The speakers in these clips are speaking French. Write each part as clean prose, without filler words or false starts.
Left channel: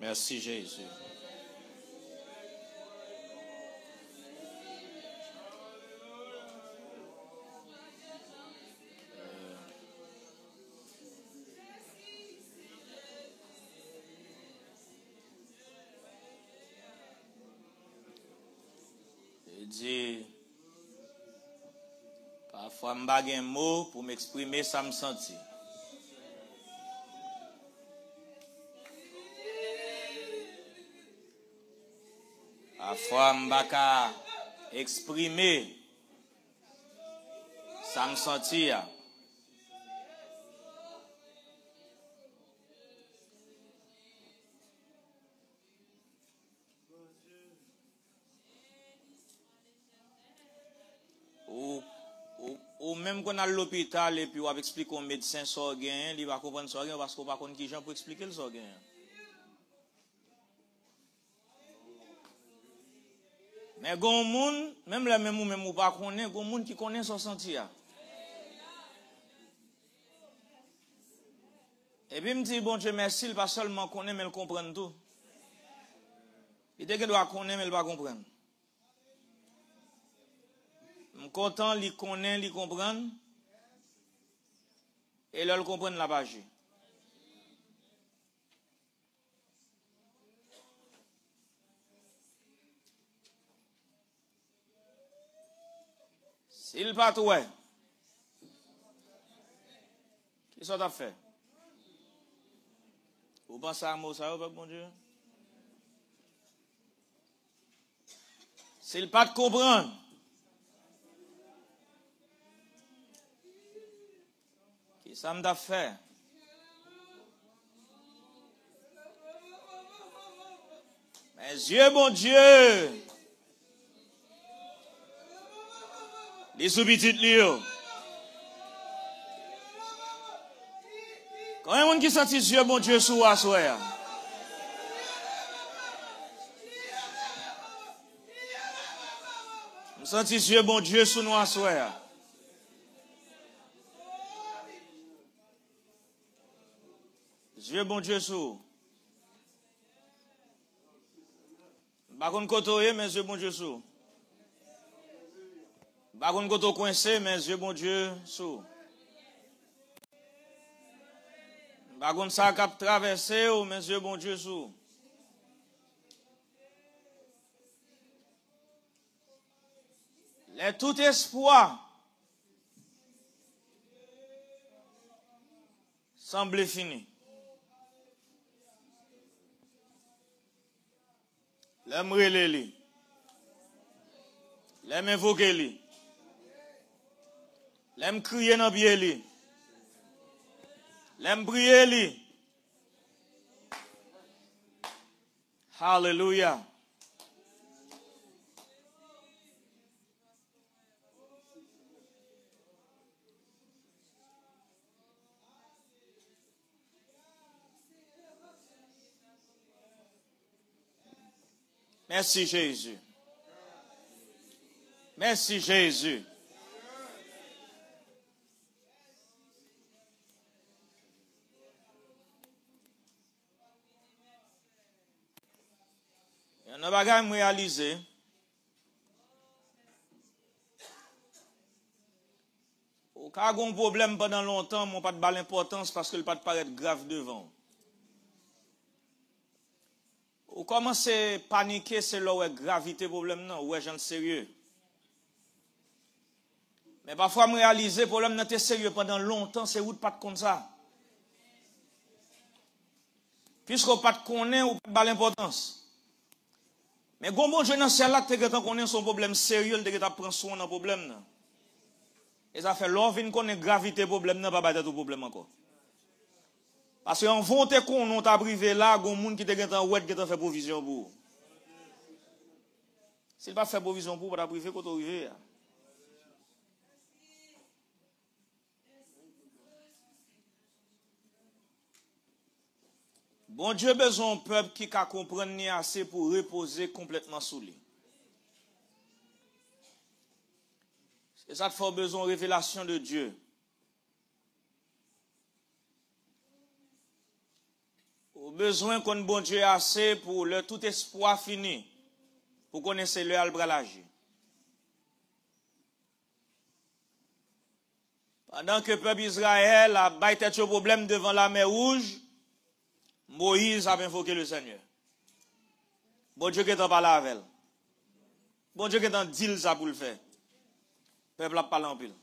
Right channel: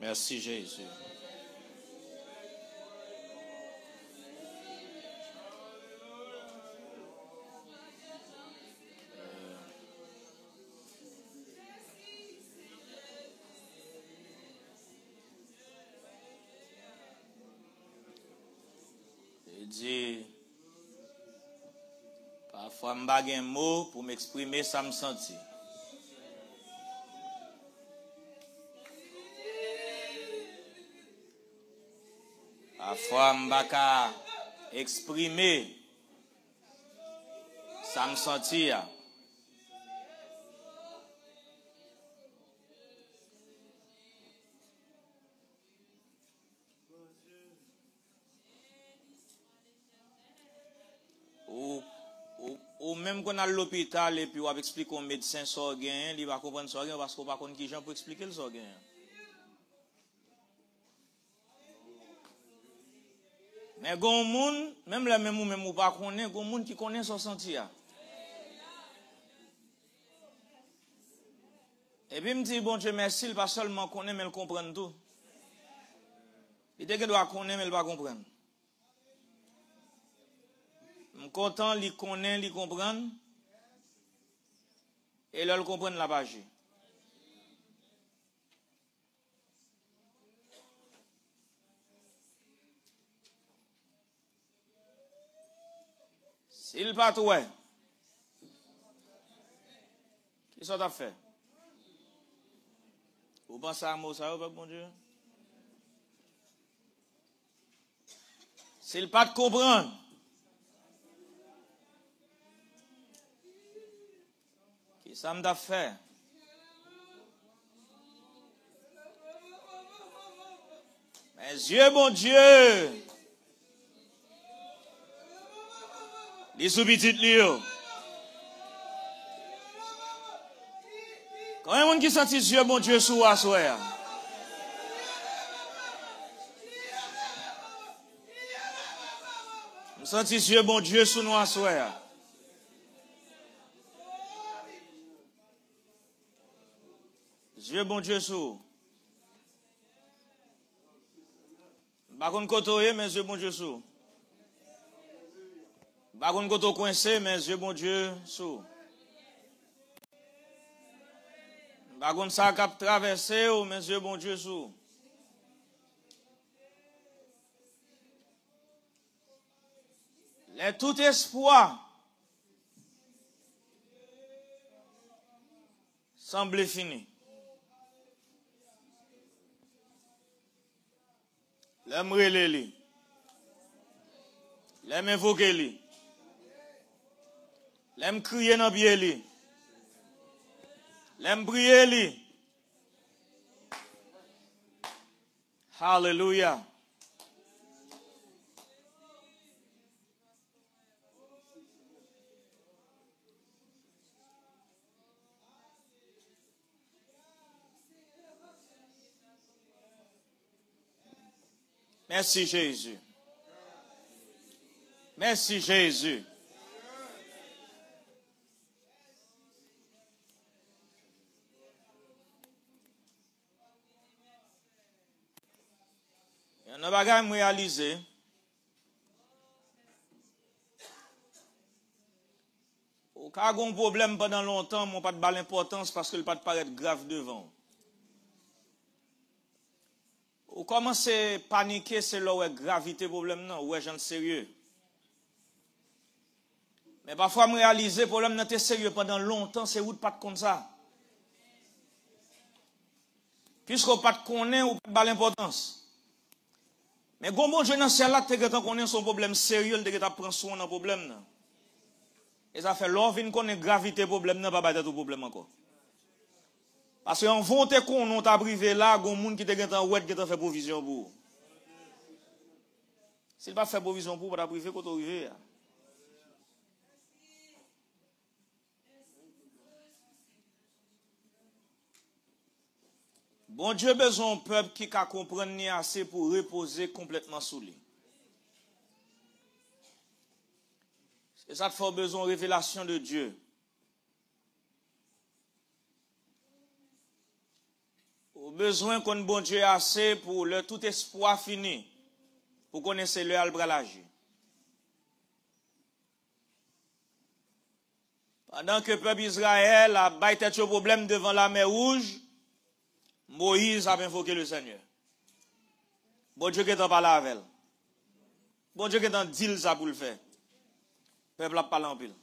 Merci Jésus. Il dit, parfois je n'ai pas un mot pour m'exprimer, ça me sentit. Parfois, je ne peux pas exprimer, ça me sentit. Ou même qu'on a l'hôpital et puis on explique au médecin ça gain, il va comprendre ça gain parce qu'on va connaître qui gens pour expliquer le ça gain. Mais gon moun, même les mêmes ou même ou pas connaît, gon moun qui connaît son sentir. Et puis me dit bon Dieu merci, il pas seulement connaît mais il comprend tout. Il dit qu'il doit connaître mais il va comprendre. Je suis content, il connaît, il comprend. Et là, il comprend la page. S'il pas tout, qui ça t'a fait? Vous pensez à moi, ça va, bon Dieu? S'il pas te comprendre, qui ça m'a fait? Mais Dieu, bon Dieu, les sous-petits lieux. Quand il y a un monde qui sentit Dieu, bon Dieu, sous à soir. Nous sentis Dieu, bon Dieu, sous nous à soir. Dieu, bon Dieu, sous. Par contre, côté, mais Dieu, bon Dieu, sous. Par contre, côté coincé, mais Dieu, bon Dieu, sous. Par contre, ça a traversé, mais Dieu, bon Dieu, sous. Les tout espoir semble fini. L'aime relé, l'aime invoquer, l'aime crier dans pied, l'aime prier. Hallelujah. Merci Jésus. Merci Jésus. On a pas réalisé. Au cas où un problème pendant longtemps, mon pas de balle l'importance parce qu'il pas de paraître grave devant. Ou commencez à paniquer, c'est là où est gravité problème non, où est gens sérieux. Mais parfois me réaliser problème non était sérieux pendant longtemps, c'est où pas comme ça. Puisqu'on pas connaît ou pas l'importance. Mais bon Dieu dans celle là te que connaît son problème sérieux, te que prend soin dans problème non. Et ça fait l'or vinn connaît gravité problème non pas battre tout problème encore. Parce qu'en vont te qu'on on t'a privé là, gon moun qui te gen tan ouet qui t'a fait provision pour. S'il pas fait provision pour t'a privé quand arrivé. Bon Dieu besoin d'un peuple qui ka comprendre assez pour reposer complètement sous lui. C'est ça qu'il faut besoin de révélation de Dieu. Ou besoin qu'on bon Dieu assez pour le tout espoir fini. Pour connaître le albralage. Pendant que le peuple Israël a battu le problème devant la mer Rouge, Moïse a invoqué le Seigneur. Bon Dieu qui est en parlant avec elle. Bon Dieu qui est en deal ça pour le faire. Le peuple a parlé en pile.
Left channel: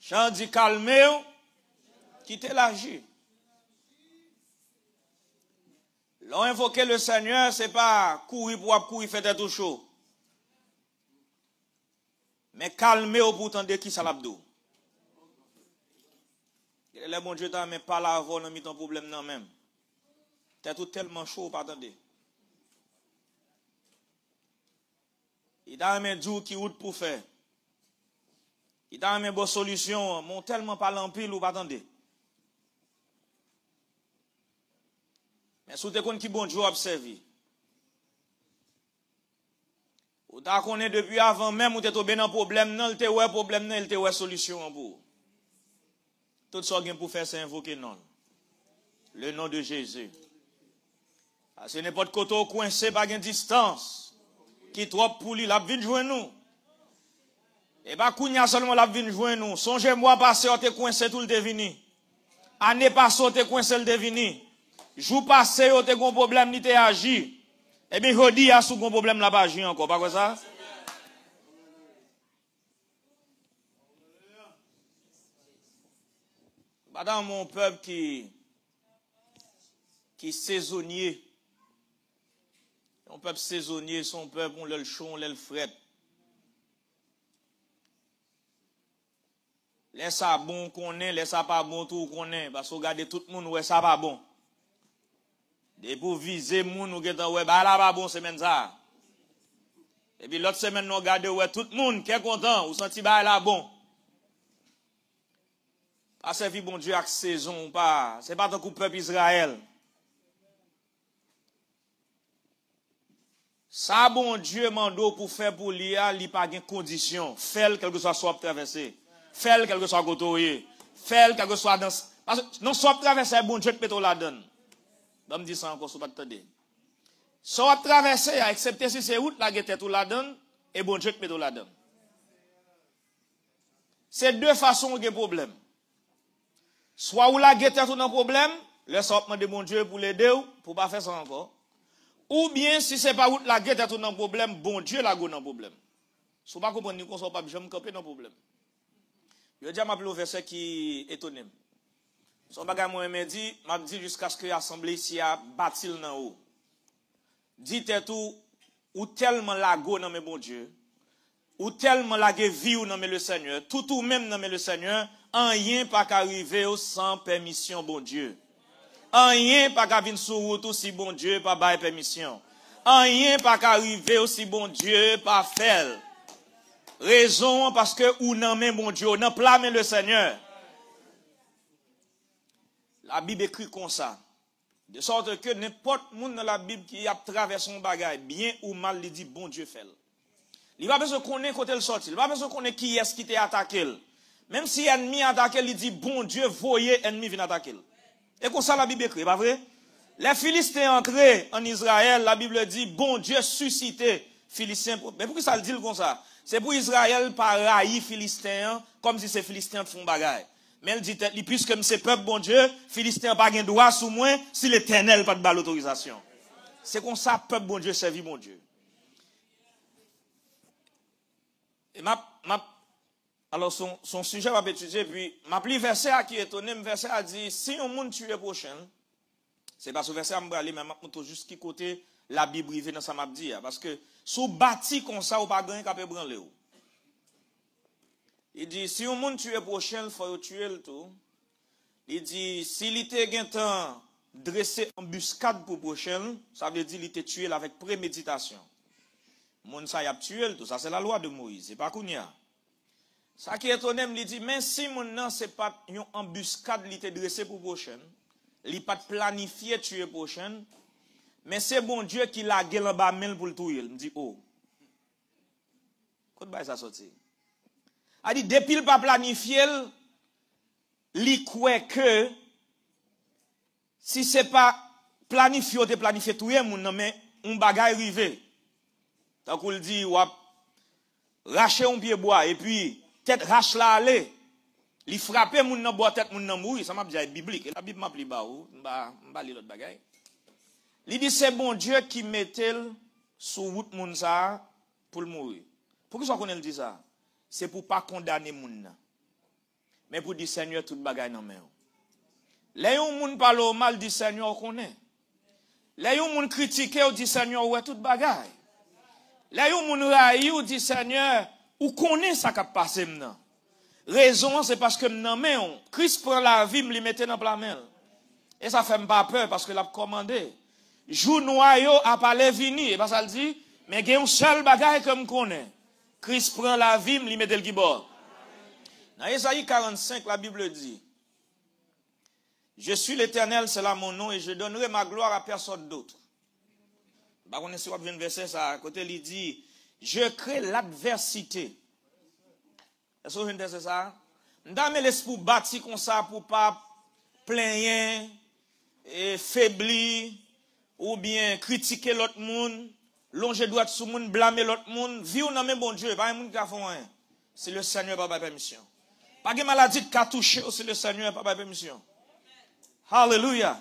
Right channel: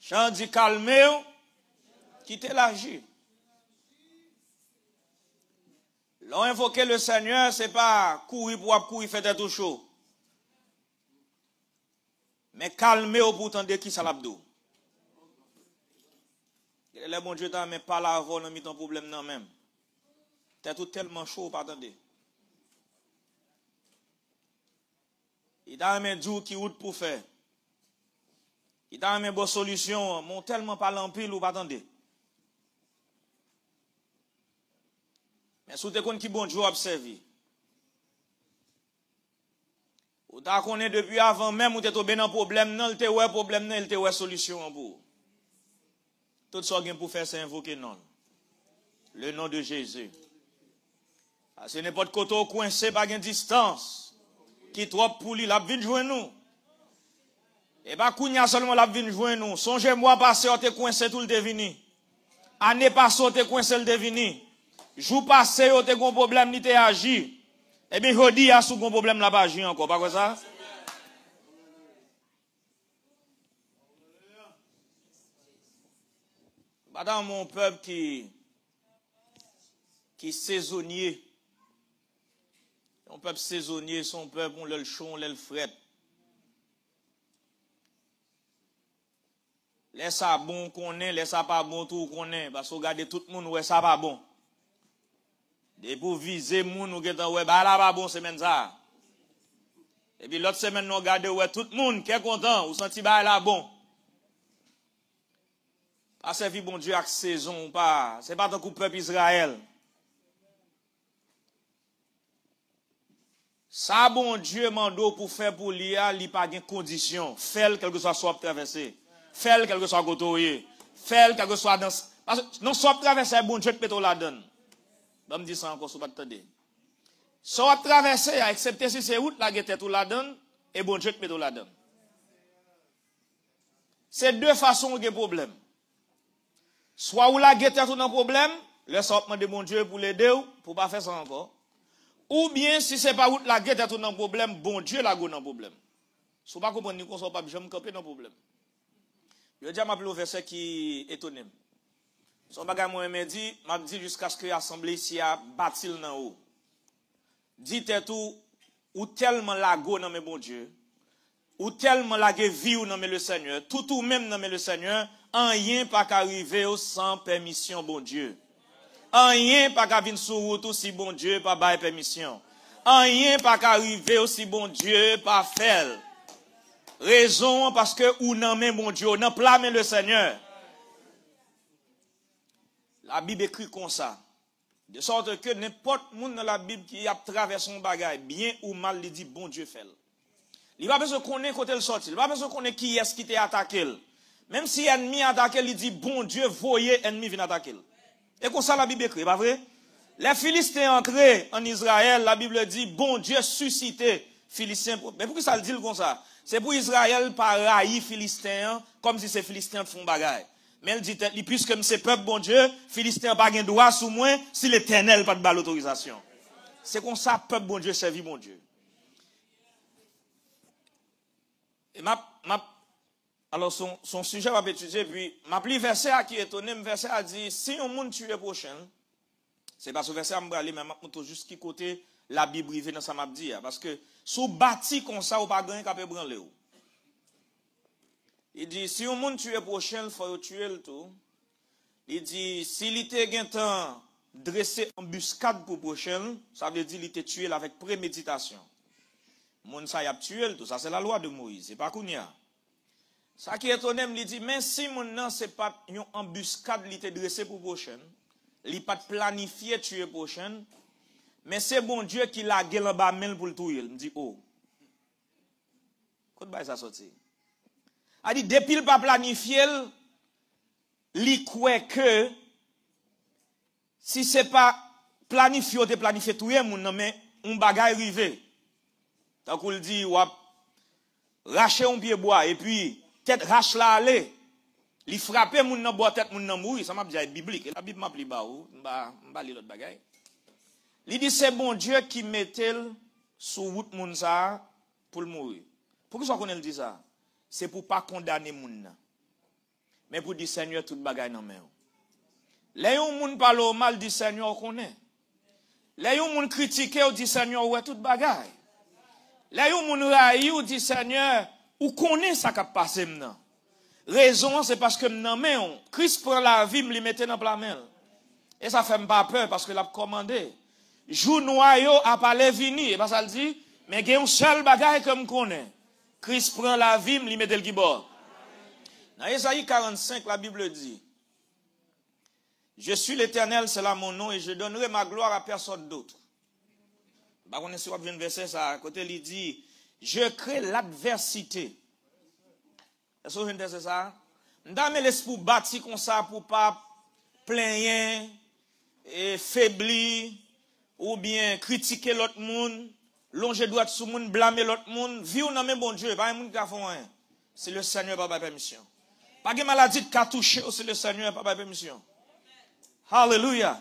Chant dit calmez, quittez l'agir. L'on invoqué le Seigneur, c'est pas courir pour courir, faire tout chaud. Mais calmez-vous pour tendre qui ça l'abdou. Le bon Dieu t'en met pas là avant, on mis ton problème non même. T'es tout tellement chaud, pas attendez. Il t'a mis du qui route pour faire. Il t'a mis bonne solution, mon tellement pas l'empile ou pas attendez. Mais sous tes comptes qui bon Dieu observé. Ou t'as connaît depuis avant même ou t'es tombé dans problème non, il te ouais problème non, il te ouais solution pour. Tout ça bien pour faire c'est invoquer non. Le nom de Jésus. Parce que n'importe côté coincé par une distance qui trop pour lui la vinn joindre nous. Et pas kounya seulement la vinn joindre nous. Songez-moi passé on te coincé tout le devini. Année passée on te coincé le devini. Jour passé on te gon problème ni te agi. Et bien, je dis, à ce bon problème là, pas agir encore, pas comme ça? Dans mon peuple qui est saisonnier, mon peuple saisonnier, son peuple, on l'a le chaud, on l'a le fret. Laisse ça bon qu'on est, laisse ça pas bon tout qu'on est, parce que regardez tout le monde, ouais, ça pas bon. Et pour viser moun ou getan ouais bah là pas bon semaine ça. Et puis l'autre semaine nous regarder ouais tout le monde qui est content ou senti bah là bon. Pas servir bon Dieu avec saison pas, c'est pas tant que peuple Israël. Ça bon Dieu mando pour faire pour l'IA, il pas de condition, faire quelque chose soit traversé, faire quelque chose côtoyer, faire quelque chose dans non soit traversé bon Dieu peut la donne. Je me dis ça encore, ce pas de soit traverser, excepté si c'est route, la guette tout la donne, et bon Dieu peut tout la donne. C'est deux façons de problème. Soit où la guette tout dans problème, laisse demander bon Dieu pour l'aider, pour pas faire ça encore. Ou bien, si c'est pas route la guette tout dans problème, bon Dieu la go dans problème. Si vous ne comprenez pas, vous ne pouvez pas me camper dans problème. Je vais dire ma plus verset qui est étonné. Son bagage moi m'a dit jusqu'à ce que l'assemblée ici a bâti le en haut. Dites tout ou tellement la go dans mes bon Dieu, ou tellement la vie ou dans le Seigneur, tout ou même dans le Seigneur, rien pas qu'arriver sans permission bon Dieu. Rien pas qu'à venir sur route si bon Dieu pas bail permission. Rien pas qu'arriver si bon Dieu pas faire. Raison parce que ou non mais bon Dieu, non plan le Seigneur. La Bible écrit comme ça. De sorte que n'importe monde dans la Bible qui a traversé son bagage, bien ou mal, il dit bon Dieu fait. Il va besoin qu'on ait côté le sorti. Il va besoin qu'on ait qui est-ce qui t'a attaqué. Même si l'ennemi a attaqué, il dit bon Dieu, voyez ennemi vient attaquer. Et comme ça la Bible écrit, pas vrai? Les Philistins entrés en Israël, la Bible dit bon Dieu suscité Philistins. Mais pourquoi ça le dit comme ça? C'est pour Israël par haï Philistins comme si ces Philistins font bagaille. Mais il dit, puisque c'est peuple bon Dieu, Philistin n'a pas de droit sous moi, si l'Éternel n'a pas de l'autorisation. C'est comme ça, peuple bon Dieu, servit bon Dieu. Et alors, son sujet va étudier, puis, ma pli verset qui est étonné, verset a dit, si on monde tue prochain, c'est parce que verset a m'bralé, mais maintenant, juste qui côté la Bible rive dans ça m'a dit, parce que, sous bâti comme ça, ou pas gagner qu'à peut branler. Il dit, si on monde tue prochain, il faut tuer le tout. Il dit, s'il était gain temps dressé embuscade pour prochain, ça veut dire qu'il était tué avec préméditation. Moun ça y a tué le tout, ça c'est la loi de Moïse, c'est pas Kounia. Ça qui est étonné, il dit, mais si mon nom c'est pas une embuscade, il était dressé pour prochain, il pas planifié tuer prochain, mais c'est bon Dieu qui l'a gueule en bas main pour le tuer. Il me dit, oh. Quand ça sorti? A dit, depuis le pas planifié, li croit que si c'est pas planifié, ou te planifié tout le monde, mais un bagay rivé. Tant qu'on dit, ou racher un pied bois, et puis, tête rache la aller, li frapper moun nan bois tête moun nan mourir, ça m'a déjà biblique. La Bible m'a pli ba ou, m'ba li l'autre bagay. Li dit c'est bon Dieu qui mettait sous route moun ça pour le mourir. Pourquoi ça qu'on dit ça? C'est pour pas condamner moun nan. Mais pour dire Seigneur tout bagay nan men. Là yon moun parle mal dit Seigneur connaît. Là yon moun critiquer ou dit Seigneur ouais tout bagay. Là yon moun raï ou dit Seigneur ou connaît ça qui a passé nan. Raison, c'est parce que non, Christ prend la vie, me li mette dans la main. Et ça fait pas peur parce qu'il a commandé. Jou noyo a parlé vini, et pas ça le dit, mais il y a un seul bagage comme connaît. Christ prend la vie, me li mette le gibor. Dans Ésaïe 45, la Bible dit, je suis l'Éternel, c'est là mon nom, et je donnerai ma gloire à personne d'autre. Bah, on est sur le verset, ça, à côté, il dit, je crée l'adversité. Est-ce que vous entendez ça? Dans l'esprit bâti comme ça pour pas plaindre et faiblir ou bien critiquer l'autre monde, longer droite sous monde, blâmer l'autre monde, vivre dans même bon Dieu, pas un monde qui a fait rien. C'est le Seigneur par permission. Pas de maladie qui a touché, c'est le Seigneur par permission. Alléluia.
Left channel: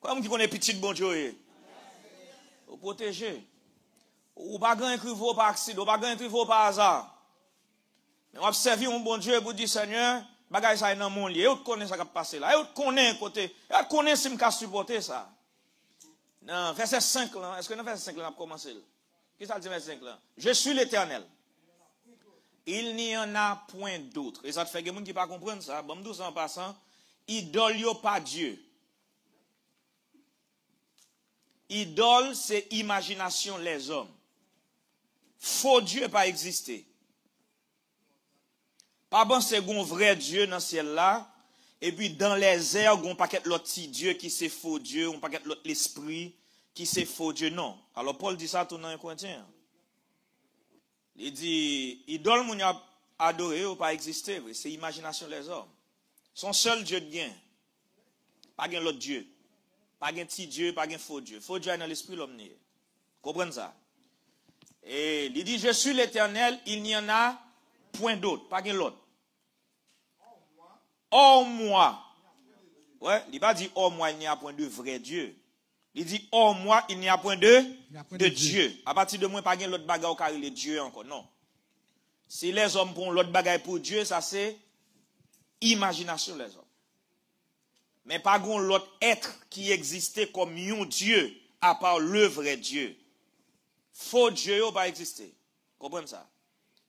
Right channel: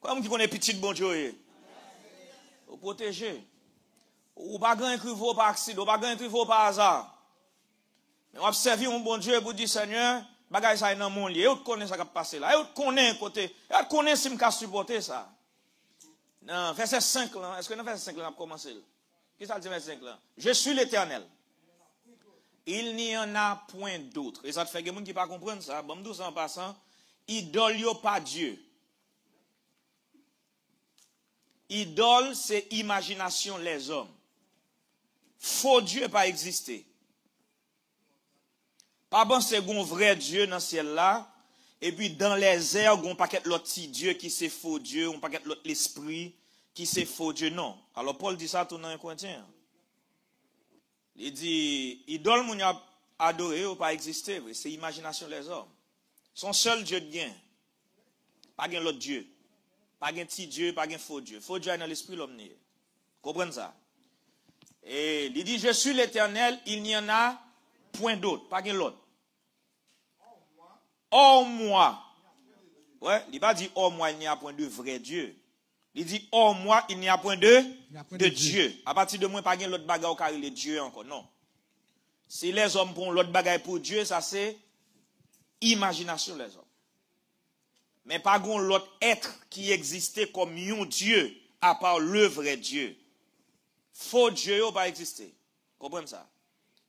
Comme qui connaît petit bon Dieu. Vous protéger. Ou pas grand écrivain par accident, ou pas grand écrivain par hasard. On observe un bon Dieu pour dire Seigneur, bagay ça dans mon lit. Et vous connaissez ça qui passe là. Et vous connaissez côté. Et vous connaissez si je supporter ça. Non, verset 5 là. Est-ce que dans verset 5 là on a commencé? Qu'est-ce que ça dit verset 5 là? Je suis l'Éternel. Il n'y en a point d'autre. Et ça fait que les gens qui ne pas comprendre ça. Bon, nous en passant, idole yo pas Dieu. Idole c'est imagination les hommes. Faux Dieu pas exister. Pas bon, c'est un vrai Dieu dans le ciel là. Et puis dans les airs, on paquet l'autre petit Dieu qui c'est faux Dieu, on paquet l'autre l'esprit qui c'est faux Dieu. Non. Alors Paul dit ça tout dans un Corinthiens. Il dit, idole moun a adoré ou pas exister, c'est imagination les hommes. Son seul Dieu de bien. Pas gen l'autre Dieu. Pas gen petit Dieu, pas gen faux Dieu. Faux Dieu est dans l'esprit l'homme. Comprenez ça? Et il dit, je suis l'Éternel, il n'y en a point d'autre, pas gen l'autre. Hors moi. Ouais, il pas dit hors moi, il n'y a point de vrai Dieu. Il dit hors moi, il n'y a point de Dieu. À partir de moi, pas gen l'autre bagaille car il est Dieu encore. Non. Si les hommes prennent l'autre bagaille pour Dieu, ça c'est imagination les hommes. Mais pas gen l'autre être qui existait comme un Dieu à part le vrai Dieu. Faux Dieu n'a pas existé. Comprenez ça?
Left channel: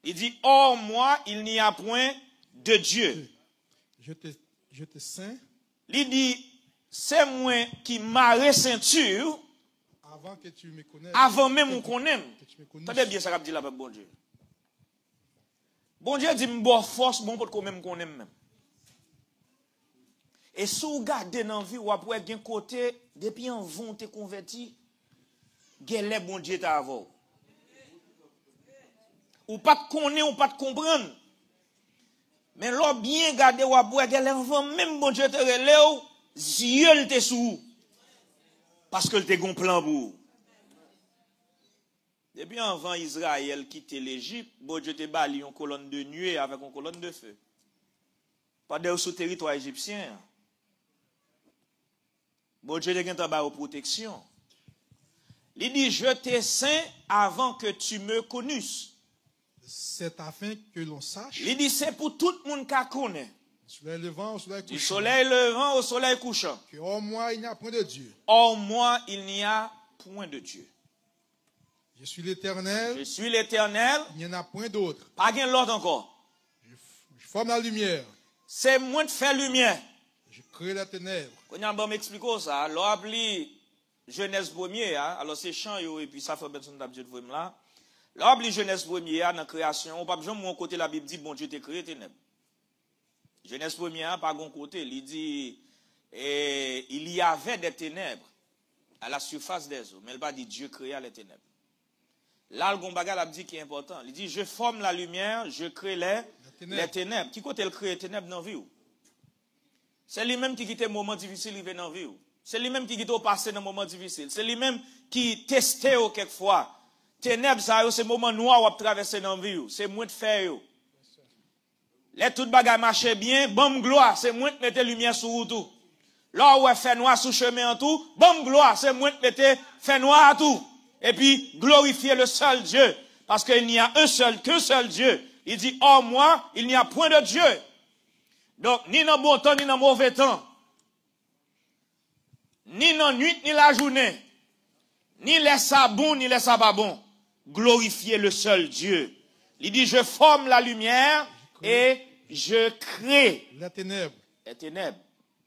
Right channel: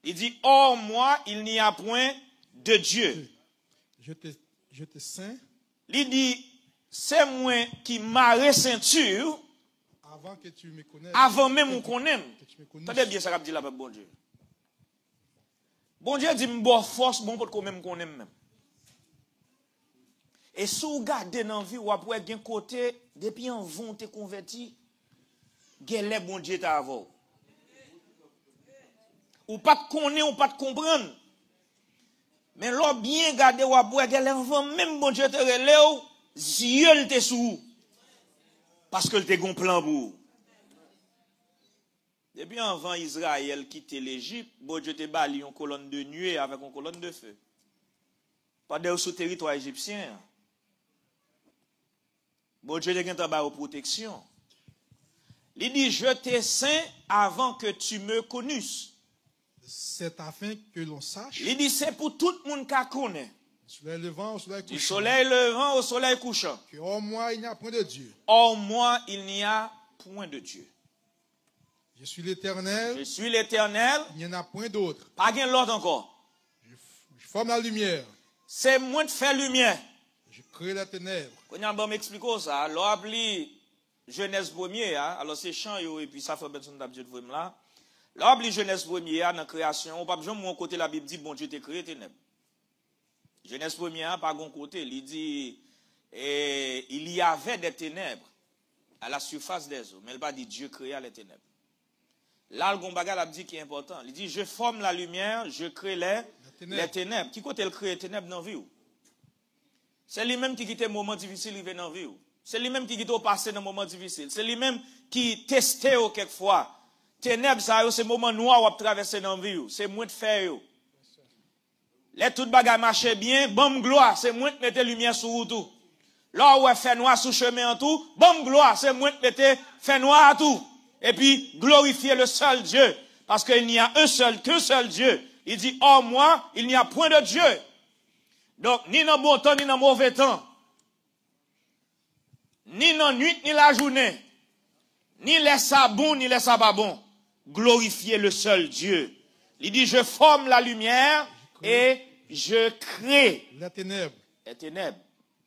Il dit, hors moi, il n'y a point de Dieu. Je te saint. Il dit, c'est moi qui m'a ceinture. Avant que tu me connaisses. Avant même qu'on aime. Attendez bien ça qu'a dit là avec bon Dieu. Bon Dieu dit, bon force, bon pour qu'on même qu'on aime même. Et si vous regardez dans la vie, vous pouvez d'un côté, depuis un vent te converti, les bon Dieu t'a avant. Ou pas de connaître, ou pas de comprendre. Mais là, bien garder, ou pouvez de l'enfant, même bon Dieu te relève, yeux te sous. Parce que te gon plan pour. Depuis avant Israël quitte l'Égypte, bon Dieu te bali une colonne de nuée avec une colonne de feu. Pas de sous territoire égyptien. Bon Dieu te gen ta ba protection. Il dit, je t'ai saint avant que tu me connusses. C'est afin que l'on sache. Il dit, c'est pour tout le monde qui connaît. Soleil levant au soleil couchant. Du soleil levant au soleil couchant. Que hors moi, il n'y a point de Dieu. Hors moi, il n'y a point de Dieu. Je suis l'Éternel. Je suis l'Éternel. Il n'y en a point d'autre. Pas gain l'autre encore. Je forme la lumière. C'est moi qui fais lumière. Je crée la ténèbre. Quand on va m'expliquer ça, alors appelé Genèse 1er, alors c'est chant et puis ça fait besoin d'absolu là. L'obli Genèse 1er dans création, on pas besoin de mon côté la Bible dit bon Dieu t'a créé ténèbres. Genèse 1er pas bon côté, il dit il y avait des ténèbres à la surface des eaux, mais il pas dit Dieu créa les ténèbres. Là le bon bagage a dit qui est important, il dit je forme la lumière, je crée les ténèbres. Qui côté il crée les ténèbres dans la vie? C'est lui-même qui quitte un moment difficile il vient dans la vie. C'est lui-même qui dit au passé dans un moment difficile. C'est lui-même qui testait quelquefois. Ténèbres, ça, c'est moment noir où on traverser dans la vie. C'est moins de faire. Les toutes bagages marchaient bien, bon gloire, c'est moins de mettre lumière sur tout. Là où on fait noir sous chemin en tout, bon gloire, c'est moins de mettre fait noir à tout. Et puis, glorifier le seul Dieu. Parce qu'il n'y a qu'un seul Dieu. Il dit, hors moi, il n'y a point de Dieu. Donc, ni dans bon temps, ni dans mauvais temps. Ni dans nuit, ni la journée. Ni laisse ça bon, ni laisse ça pas bon. Glorifier le seul Dieu. Il dit, je forme la lumière et je crée la ténèbre. Les ténèbres.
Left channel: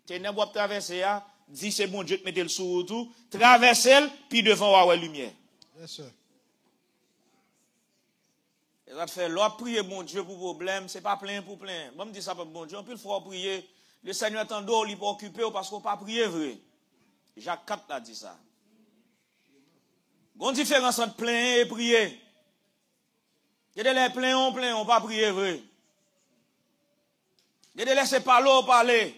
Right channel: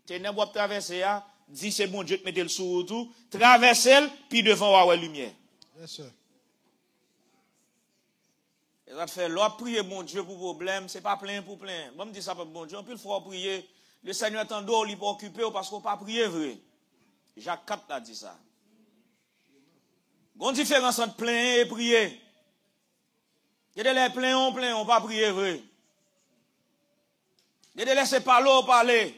Ténèbres, vous traversez, dit c'est bon Dieu te mettez le sous tout, traversez, puis devant la lumière. Yes, sir. Et ça fait, l'autre prier bon Dieu pour problème, c'est pas plein pour plein. Moi, je dis ça pour bon Dieu, puis il faut prier. Le Seigneur t'endort, il peut occuper parce qu'on pas prier vrai. Jacques 4 a dit ça. Bonne différence entre plein et prier. Il y a des pleins, on pas prier vrai. Il y a des laisser parler.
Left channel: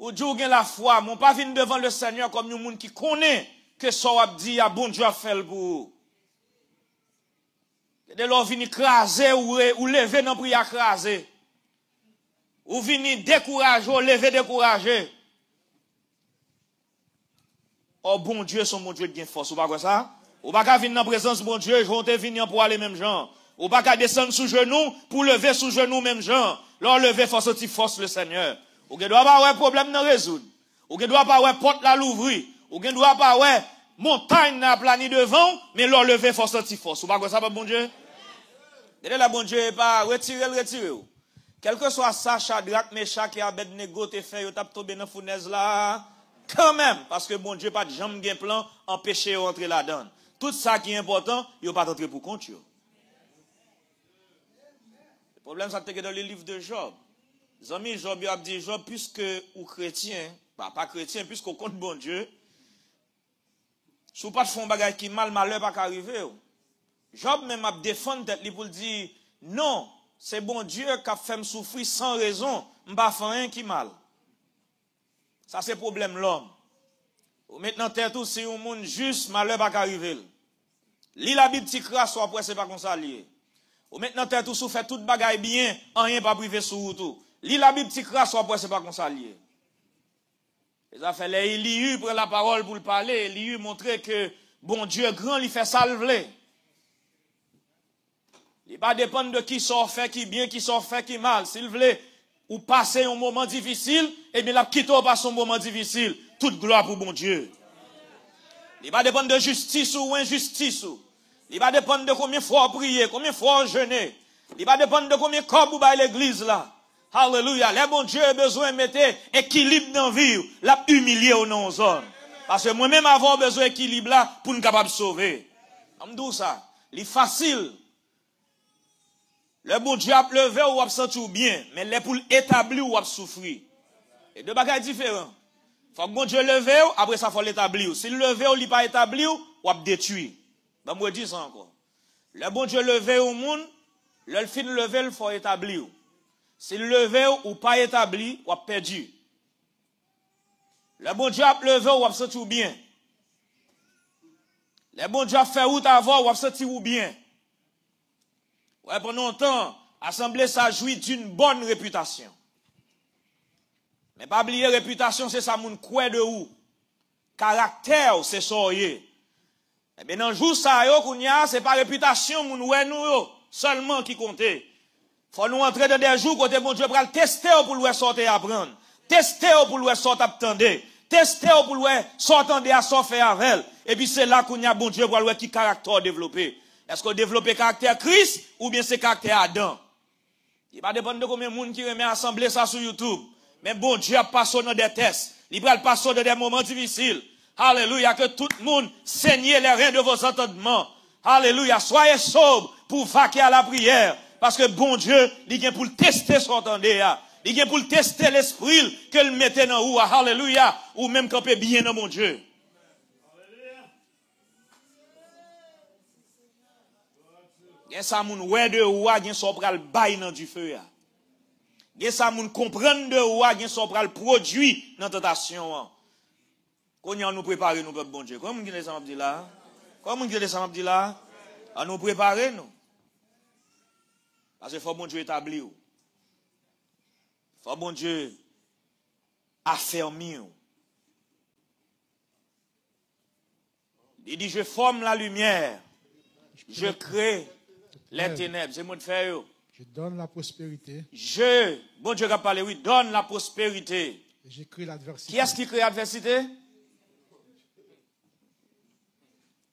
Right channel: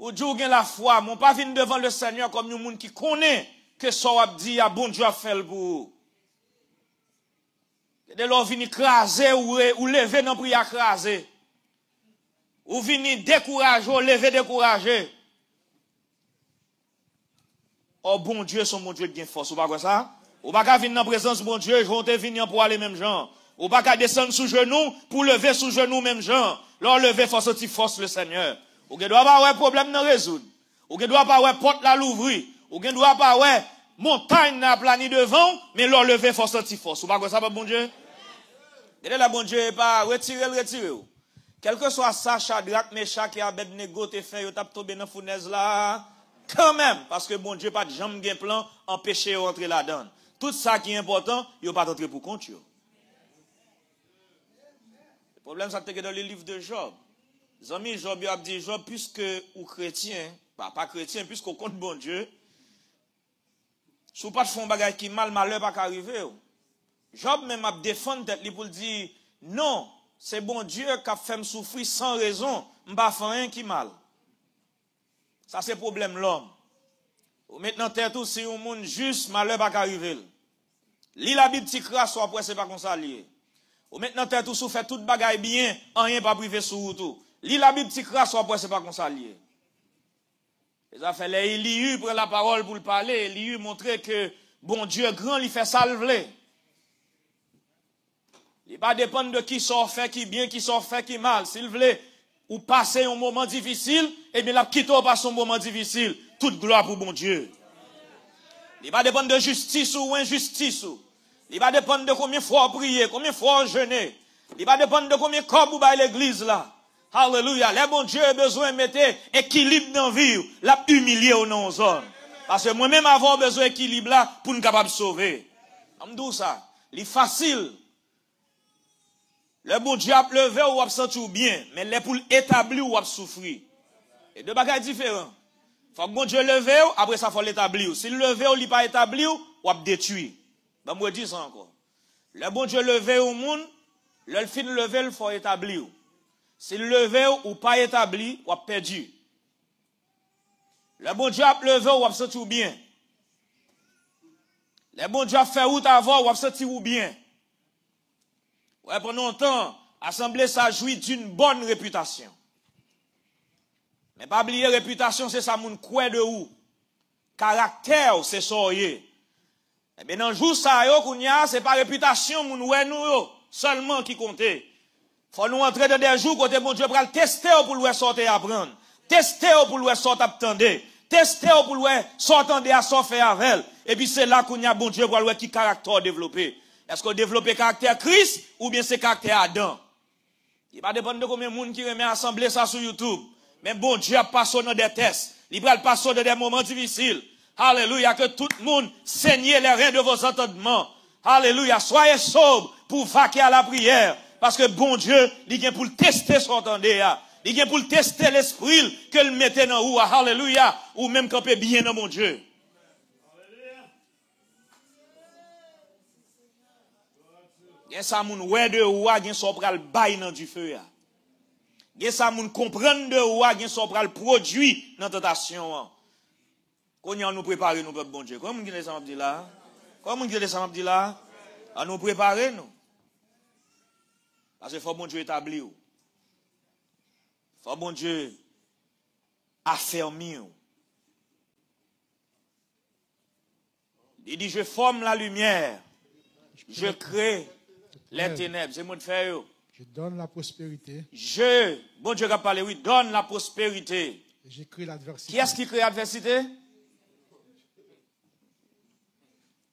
Ou Dieu gagne la foi, mon pas venir devant le Seigneur comme nous monde qui connaît que ça a dit à bon Dieu a fait pour vous. Il y a des gens qui viennent écraser ou lever dans prière écraser. Ou viennent décourager ou lever décourager. Oh bon Dieu, son mon Dieu de force, ou pas quoi ça? Ou pas venir dans la présence de bon Dieu, ils vont te venir pour aller même gens. Ou pas descendre sous genoux pour lever sous genoux même gens. Leur lever force le Seigneur. Ou ne doit pas avoir problème dans résoudre. Ou ne doit pas avoir porte la l'ouvrir. Ou ne doit pas avoir montagne n'a plani devant, mais leur lever force. Ou pas quoi ça, bon Dieu? Et là, bon Dieu, pas retirer. Quel que soit ça, Shadrach, Meshach et Abednego te fait, yo tap tombé dans la fournaise là. Quand même, parce que bon Dieu pas de jambe bien plan, empêcher d'entrer là-dedans. Tout ça qui est important, yo pas d'entrer pour compte. Le problème, ça te dans le livre de Job. Les amis, Job a dit, Job, puisque ou chrétien, pas chrétien, puisqu'on compte bon Dieu, si vous pas de fond bagage qui mal, malheur pas arriver. Job même a défendu tête pour dire, non, c'est bon Dieu qui a fait me souffrir sans raison, m'pa fait rien qui mal. Ça c'est problème l'homme. Ou maintenant tête tout si un monde juste, malheur pas arriver. Lis la Bible petit frère, soit après c'est pas comme ça lié. Ou maintenant tête tout fait toute bagaille bien, rien pas privé sur tout. Lis la Bible petit frère, soit après c'est pas comme ça lié. Les affaires, Élie prend la parole pour le parler, Élie montrer que bon Dieu grand, il fait salver. Il ne va pas dépendre de qui sort fait, qui bien, qui sort fait, qui mal. S'il voulait ou passer un moment difficile, eh bien, la quitte ou passe un moment difficile. Toute gloire pour bon Dieu. Il va dépendre de justice ou injustice. Il va dépendre de combien fois prier, combien fois jeûner. Il va dépendre de combien corps vous baillez l'église là. Alléluia. Les bon Dieu a besoin de mettre équilibre dans la vie, la humilier ou non aux hommes. Parce que moi-même avoir besoin d'équilibre là pour nous capable de sauver. On me dit ça. Il est facile. Le bon Dieu a levé ou a senti bien, mais les pour établir ou a souffrir. Et deux bagages différents. Faut que bon Dieu levé, après ça faut l'établir. Si le levé ou il pas établi, ou a détruire. Ben moi dis ça encore. Le bon Dieu levé au monde, le fin levé il faut établir. Si le levé ou pas établi, ou a perdu. Le bon Dieu a levé ou a senti bien. Le bon Dieu a fait route avant ou a senti bien. Ouais, pendant longtemps, l'Assemblée ça jouit d'une bonne réputation. Mais pas oublier réputation, c'est ça moun kouè de ou. Caractère, c'est soyez. Et bien, dans le jour ça, c'est pas réputation moun ouè nous, seulement qui compte. Faut nous entrer dans des jours côté bon Dieu pour le tester pour le sortir apprendre. Tester pour le sortir attendre. Tester pour le sortir à s'en faire avec. Et puis c'est là qu'on y a bon Dieu pour le qui caractère développé. Est-ce qu'on développe caractère Christ ou bien c'est caractère Adam? Il va dépendre de combien de monde qui remet assembler ça sur YouTube. Mais bon Dieu a passé dans des tests. Il va passer dans des moments difficiles. Alléluia, que tout le monde saigne les reins de vos entendements. Alléluia, soyez sobres pour vaquer à la prière. Parce que bon Dieu, il vient pour le tester son entendé. Il vient pour le tester l'esprit que le mettez dans vous. Alléluia, ou même camper bien dans mon Dieu. Gen sa moun wè de ouwa gen so pral bay nan du feu ya. Gen ça moun comprendre de ou, gen so pral produit dans tentation. Qu'on y a nous préparer nous peuple bon Dieu. Comment vous ça m'a dit là? Comment vous ça m'a dit là? À nous préparer nous. Parce que faut bon Dieu établir. Faut bon Dieu affermir. Il dit je forme la lumière. Je crée les ténèbres. C'est moi de faire. Je donne la prospérité. Bon Dieu a parlé, oui, donne la prospérité. Et je crée l'adversité. Qui est-ce qui crée l'adversité?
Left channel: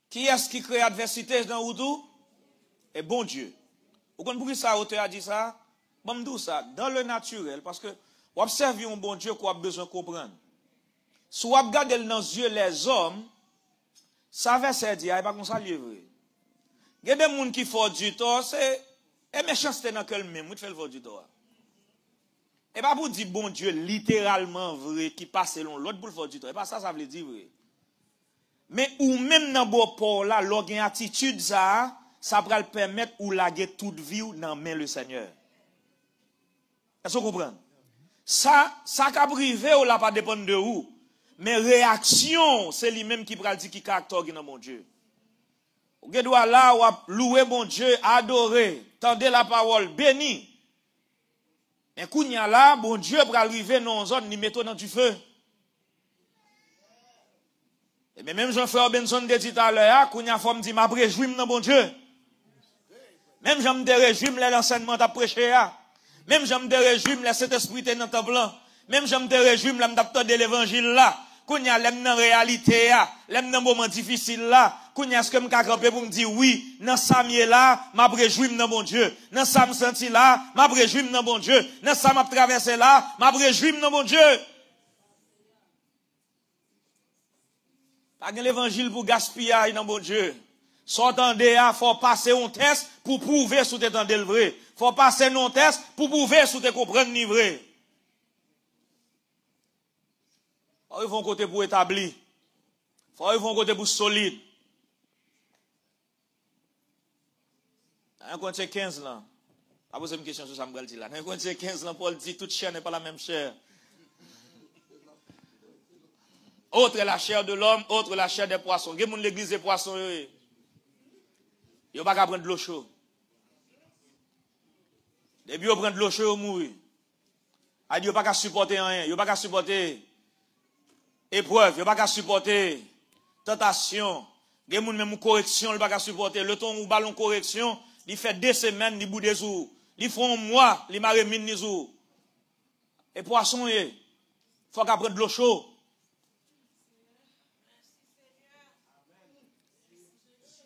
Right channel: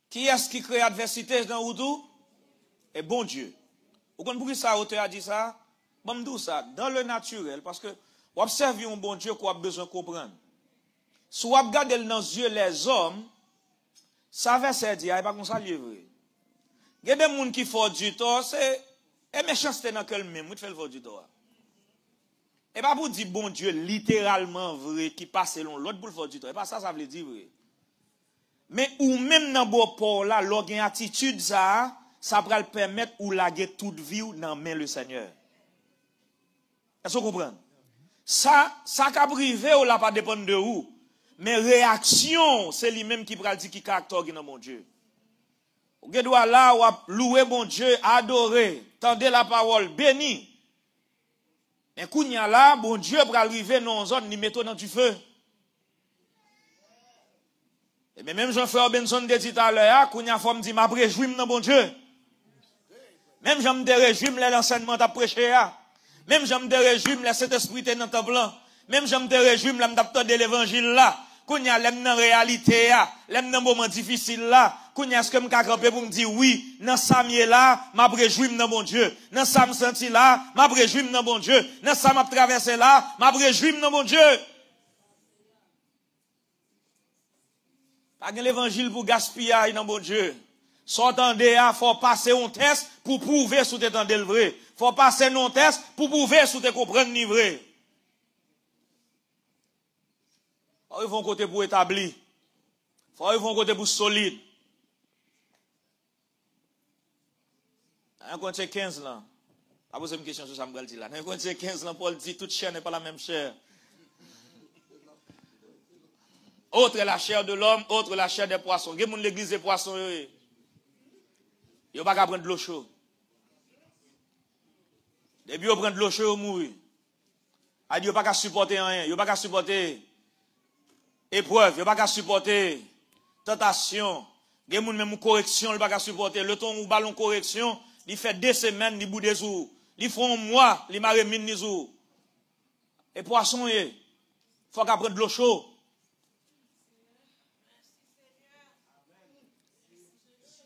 Qui est-ce qui crée l'adversité dans Oudou? Et bon Dieu. Vous comprenez pourquoi ça, auteur a dit ça? Bon, me ça, dans le naturel, parce que, vous observez un bon Dieu qu'on a besoin de comprendre. Si vous regardez dans les yeux les hommes, ça va se dire, il n'y a pas comme ça livré. Il y a des gens qui font du tort, c'est, et méchanceté dans quel même, vous faites le du tort. Et pas pour dire bon Dieu littéralement vrai, qui passe selon l'autre pour faire du tort. Et pas ça, ça veut dire vrai. Mais ou même dans bon port là, l'organe attitude ça va le permettre ou laguer toute vie dans main le Seigneur. Est-ce que vous comprenez? Ça qui a privé ou là pas dépendre de vous. Mais réaction, c'est lui-même qui va dire qui caractère dans mon Dieu. Vous doit là, ou louer mon Dieu, adorer, tendez la parole, béni. Mais quand il y a là, bon Dieu va arriver dans une zone, il met dans du feu. Et même Jean-Frère Benson de dit à l'heure, quand il y a forme dit, m'a préjume dans bon Dieu. Même j'aime des régimes, l'enseignement t'a prêché. Même j'aime des régimes, le Saint-Esprit est dans le temple. Même j'aime des régimes, l'adapteur de l'évangile là. Quand il y a l'aime dans la réalité, l'aime dans le moment difficile là. Quand il y a ce que je peux pour me dire oui, dans ça là, m'a préjume dans mon Dieu. Dans ça me senti là, m'a préjume dans mon Dieu. Dans ça m'a traversé là, m'a préjume dans mon Dieu. Pas l'évangile pour gaspiller dans mon Dieu. S'entendez, faut passer un test pour prouver si tu entendez le vrai. Faut passer un test pour prouver si tu comprends le vrai. Faut y avoir un côté pour établir. Faut y avoir un côté pour solide. 1 Corinthiens 15 là. Pas poser une question sur ça, me dire là. 1 Corinthiens 15 là, Paul dit toute chair n'est pas la même chair. Autre est la chair de l'homme, autre la chair des poissons. Il y a l'église des poissons. Il n'y a pas qu'à prendre de l'eau chaude. Depuis qu'on prend de l'eau chaude, on mourit. Il n'y a pas qu'à supporter rien. Il n'y a pas qu'à supporter épreuve. Il n'y a pas qu'à supporter tentation. Il y a même correction, il n'y a pas qu'à supporter. Le temps où on ballon correction, il fait 2 semaines, il bout des jours. Il font un mois, il marre mine des jours. Et poisson, il faut qu'à prendre de l'eau chaude.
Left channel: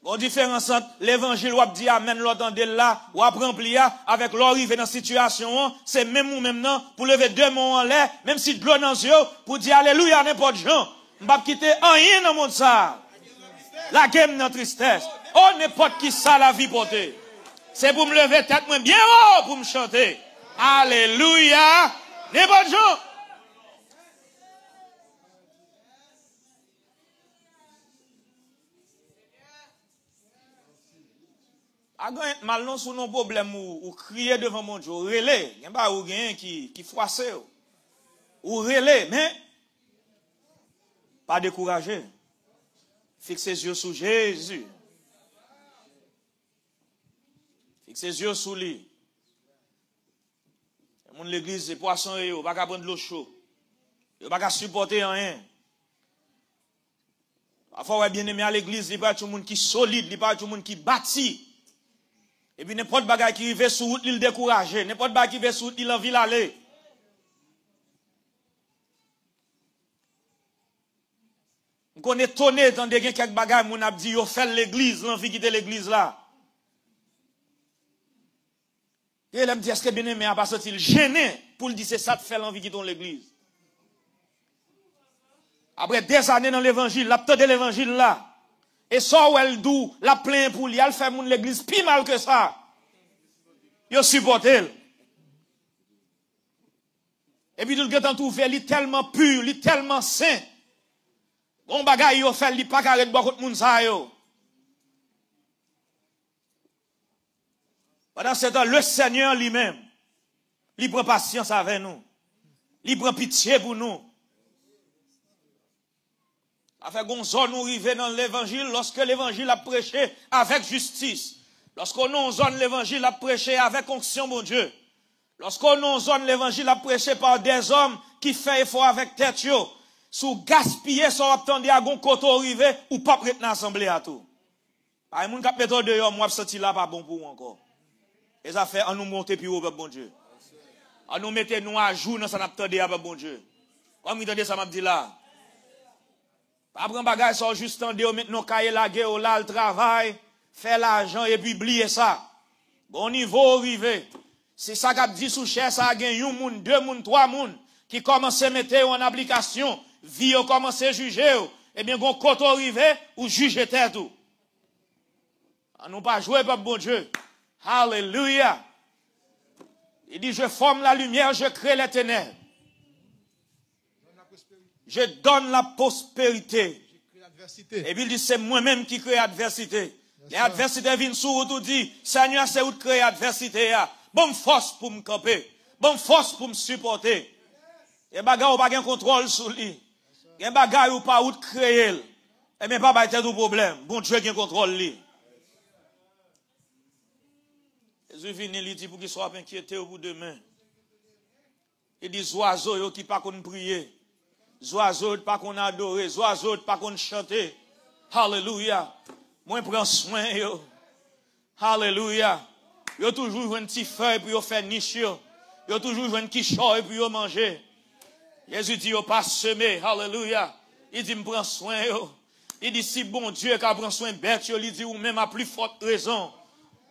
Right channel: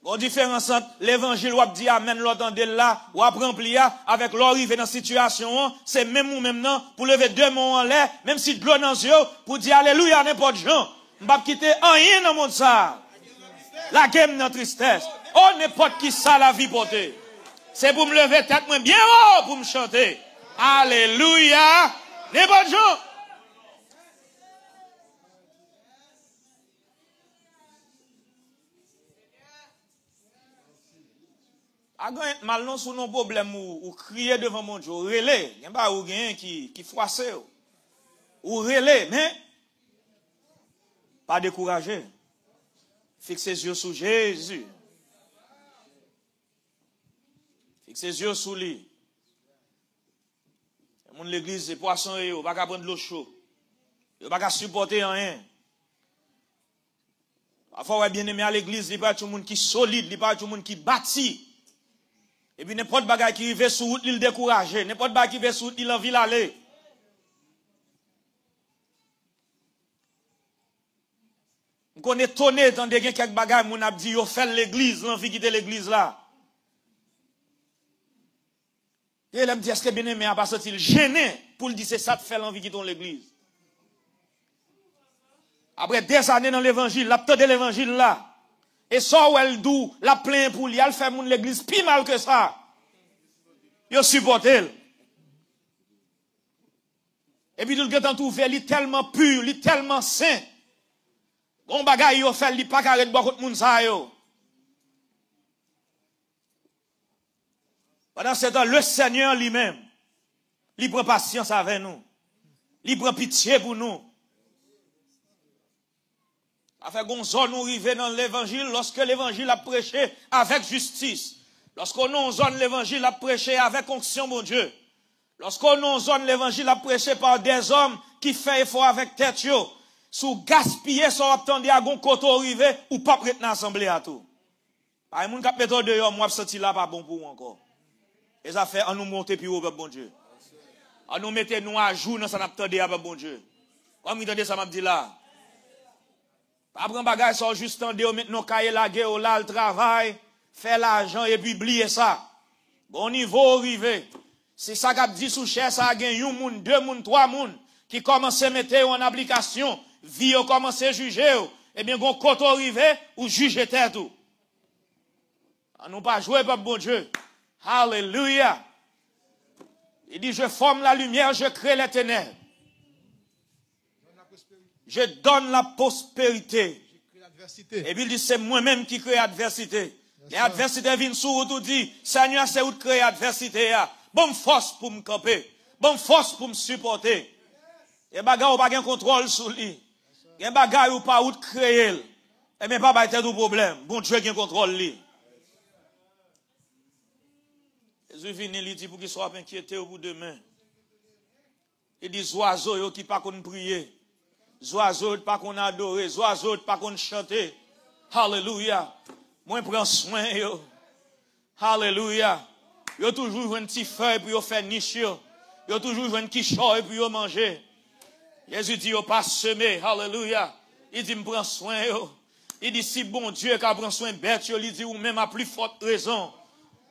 Bon différence entre l'évangile ou dit amen l'entendez là ou rempli avec l'arrivée dans situation c'est même ou même non pour lever 2 mains en l'air même si de l'eau dans les yeux pour dire alléluia n'importe gens on va quitter rien dans le monde ça la game dans tristesse oh n'importe qui ça la vie portée c'est pour me lever tête moins bien haut pour me chanter alléluia n'importe gens. Mal non sous nos problèmes ou crier devant mon Dieu, ou relais, il y a pas ou gain qui froisse ou relais, mais pas décourager. Fixez les yeux sur Jésus. Fixez les yeux sur lui. Mon l'église c'est poisson et on va pas prendre l'eau chaude. On va pas supporter rien. Parfois bien aimé à l'église, il pas tout le monde qui solide, il pas tout le monde qui bâti. Et puis, n'importe bagage qui arrive sur route, il décourage. N'importe bagage qui arrive sur route, il envie d'aller. On est étonné, tant de quelques bagages, mon a dit, yo fait l'église, l'envie quitter l'église là. Et elle me dit, est-ce que bien aimé, parce qu'il gêné pour le dire, c'est ça de faire l'envie quitter l'église. Après des années dans l'évangile, la tête de l'évangile là. Et ça où elle dou, la plaint pour lui, elle fait mon l'église plus mal que ça. Il supporte elle. Et puis tout le temps ouvert, il est tellement pur, il est tellement saint. Bon bagay yo fait, il pas carré de beaucoup de monde ça yo. Pendant ce temps, le Seigneur lui-même, il prend patience avec nous, il prend pitié pour nous. Avec une zone où arriver dans l'évangile, lorsque l'évangile a prêché avec justice, lorsqu'on nous zone l'évangile a prêché avec onction, mon Dieu, lorsqu'on nous zone l'évangile a prêché par des hommes qui font effort avec tête, sous gaspiller son attendez à gon côté arrivé ou pas prêt dans l'assemblée à tout. Par moun k'ap mettre dehors, moi senti là pas bon pour encore. Et ça fait on nous monter plus haut avec bon Dieu. On nous mettre nous à jour dans ça n'attendez avec bon Dieu. Comme vous entendez ça m'a dit là. Pas prendre bagage ça juste en deux mettre nos cahiers la guerre là le travail, faire l'argent et puis oublier ça. Bon niveau arrivé. C'est ça qu'a dit sous cher ça gagne un moun, deux moun, trois moun qui commence à mettre en application, vie commence à juger. Et bien gon côté arrivé ou juger tête tout. On nous pas jouer par bon Dieu. Alléluia. Il dit je forme la lumière, je crée les ténèbres. Je donne la prospérité. Et puis il dit, c'est moi-même qui crée l'adversité. Et l'adversité vient sur vous, tout dit, Seigneur, c'est où créer l'adversité. Bonne force pour me camper. Bonne force pour me supporter. Et bagarre ou pas de contrôle sur lui. Et bagarre ou pas où créer. Et bien pas être tout problème. Bon Dieu qui contrôle lui. Jésus vient, il dit pour qu'il soit inquiété au bout de demain. Il dit, oiseaux qui pas qu'on prier. Oiseaux pas qu'on adore, oiseaux pas qu'on chanter. Alléluia. Moi prends soin yo. Alléluia. Yo toujours un petit feuille puis yo fait niche yo. Yo toujours un petit choix puis yo manger. Jésus dit yo pas semer. Alléluia. Il dit me prends soin yo. Il dit si bon Dieu qui prend soin bête yo, il dit ou même à plus forte raison.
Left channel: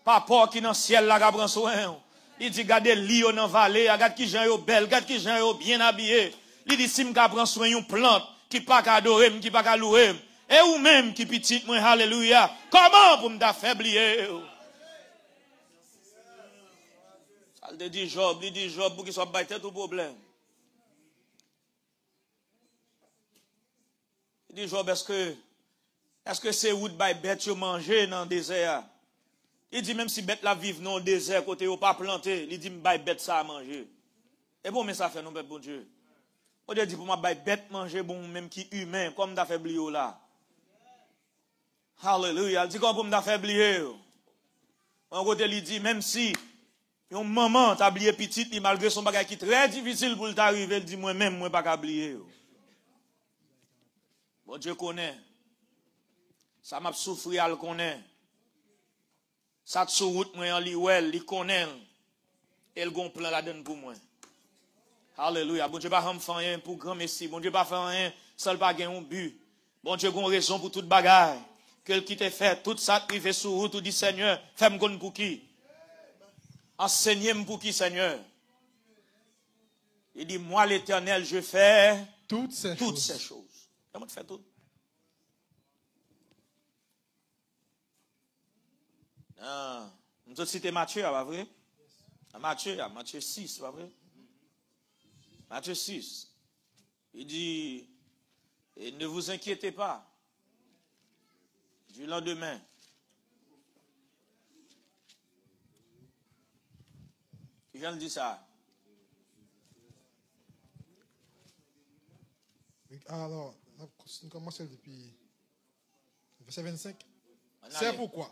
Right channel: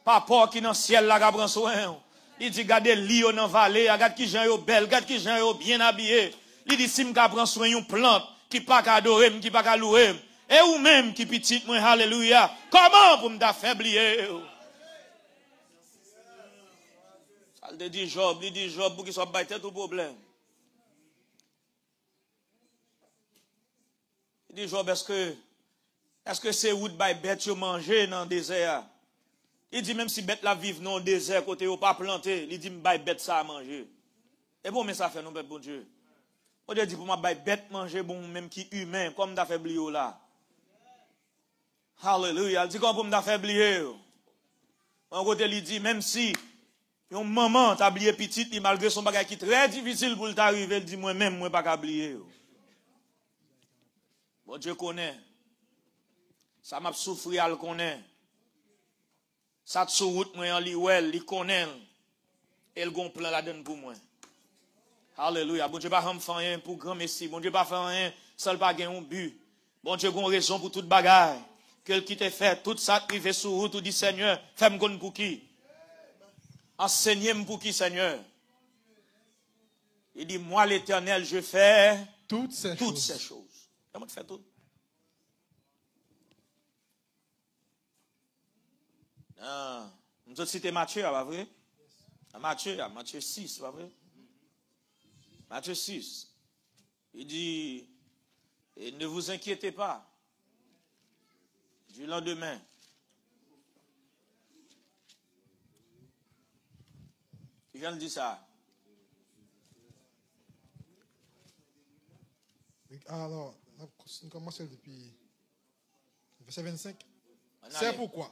Papa qui dans ciel là qui prend soin. Il dit gardez li yo dans vallée, regarde qui gens yo belle, regarde qui gens yo bien habillé. Il dit, si je prends soin d'une plante qui pas adorer, qui pas louer, et ou même qui petite, moi, alléluia, comment pour m'affaiblir? Il dit Job, pour qu'il soit battu tout problème. Il dit Job, est-ce que c'est où de bête manger dans le désert? Il dit, même si bête la vive dans le désert, côté ou pas planté, il dit, bête ça à manger. Et bon, mais ça fait non, bête, bon Dieu. On dit pour moi, bête manger bon, même qui humain, comme d'affaibli là. Alléluia. Il dit comme pour m'affaiblir. En côté, il dit, même si, une maman t'a oublié petite, malgré son bagage qui est très difficile pour t'arriver, il dit, moi-même, moi, pas oublier. Bon Dieu connaît. Ça m'a souffert, elle connaît. Ça te sous route, moi, en liwel, il connaît. Et le gon plan la donne pour moi. Alléluia. Bon Dieu pas faire rien pour grand messie. Bon Dieu pas faire rien, seul pas gagner un but. Bon Dieu a raison pour toute bagarre. Quel qui t'a fait, tout ça privé sur route, tout dit Seigneur, femme gonne pour qui? Enseignez-moi pour qui, Seigneur? Il dit, moi l'Éternel, je fais toutes ces choses. Comment tu fais tout? Nous citons Matthieu, pas vrai? Matthieu 6, pas vrai? Matthieu 6. Il dit, ne vous inquiétez pas du lendemain. Je viens de dire ça. Alors, on commence depuis verset 25. C'est pourquoi.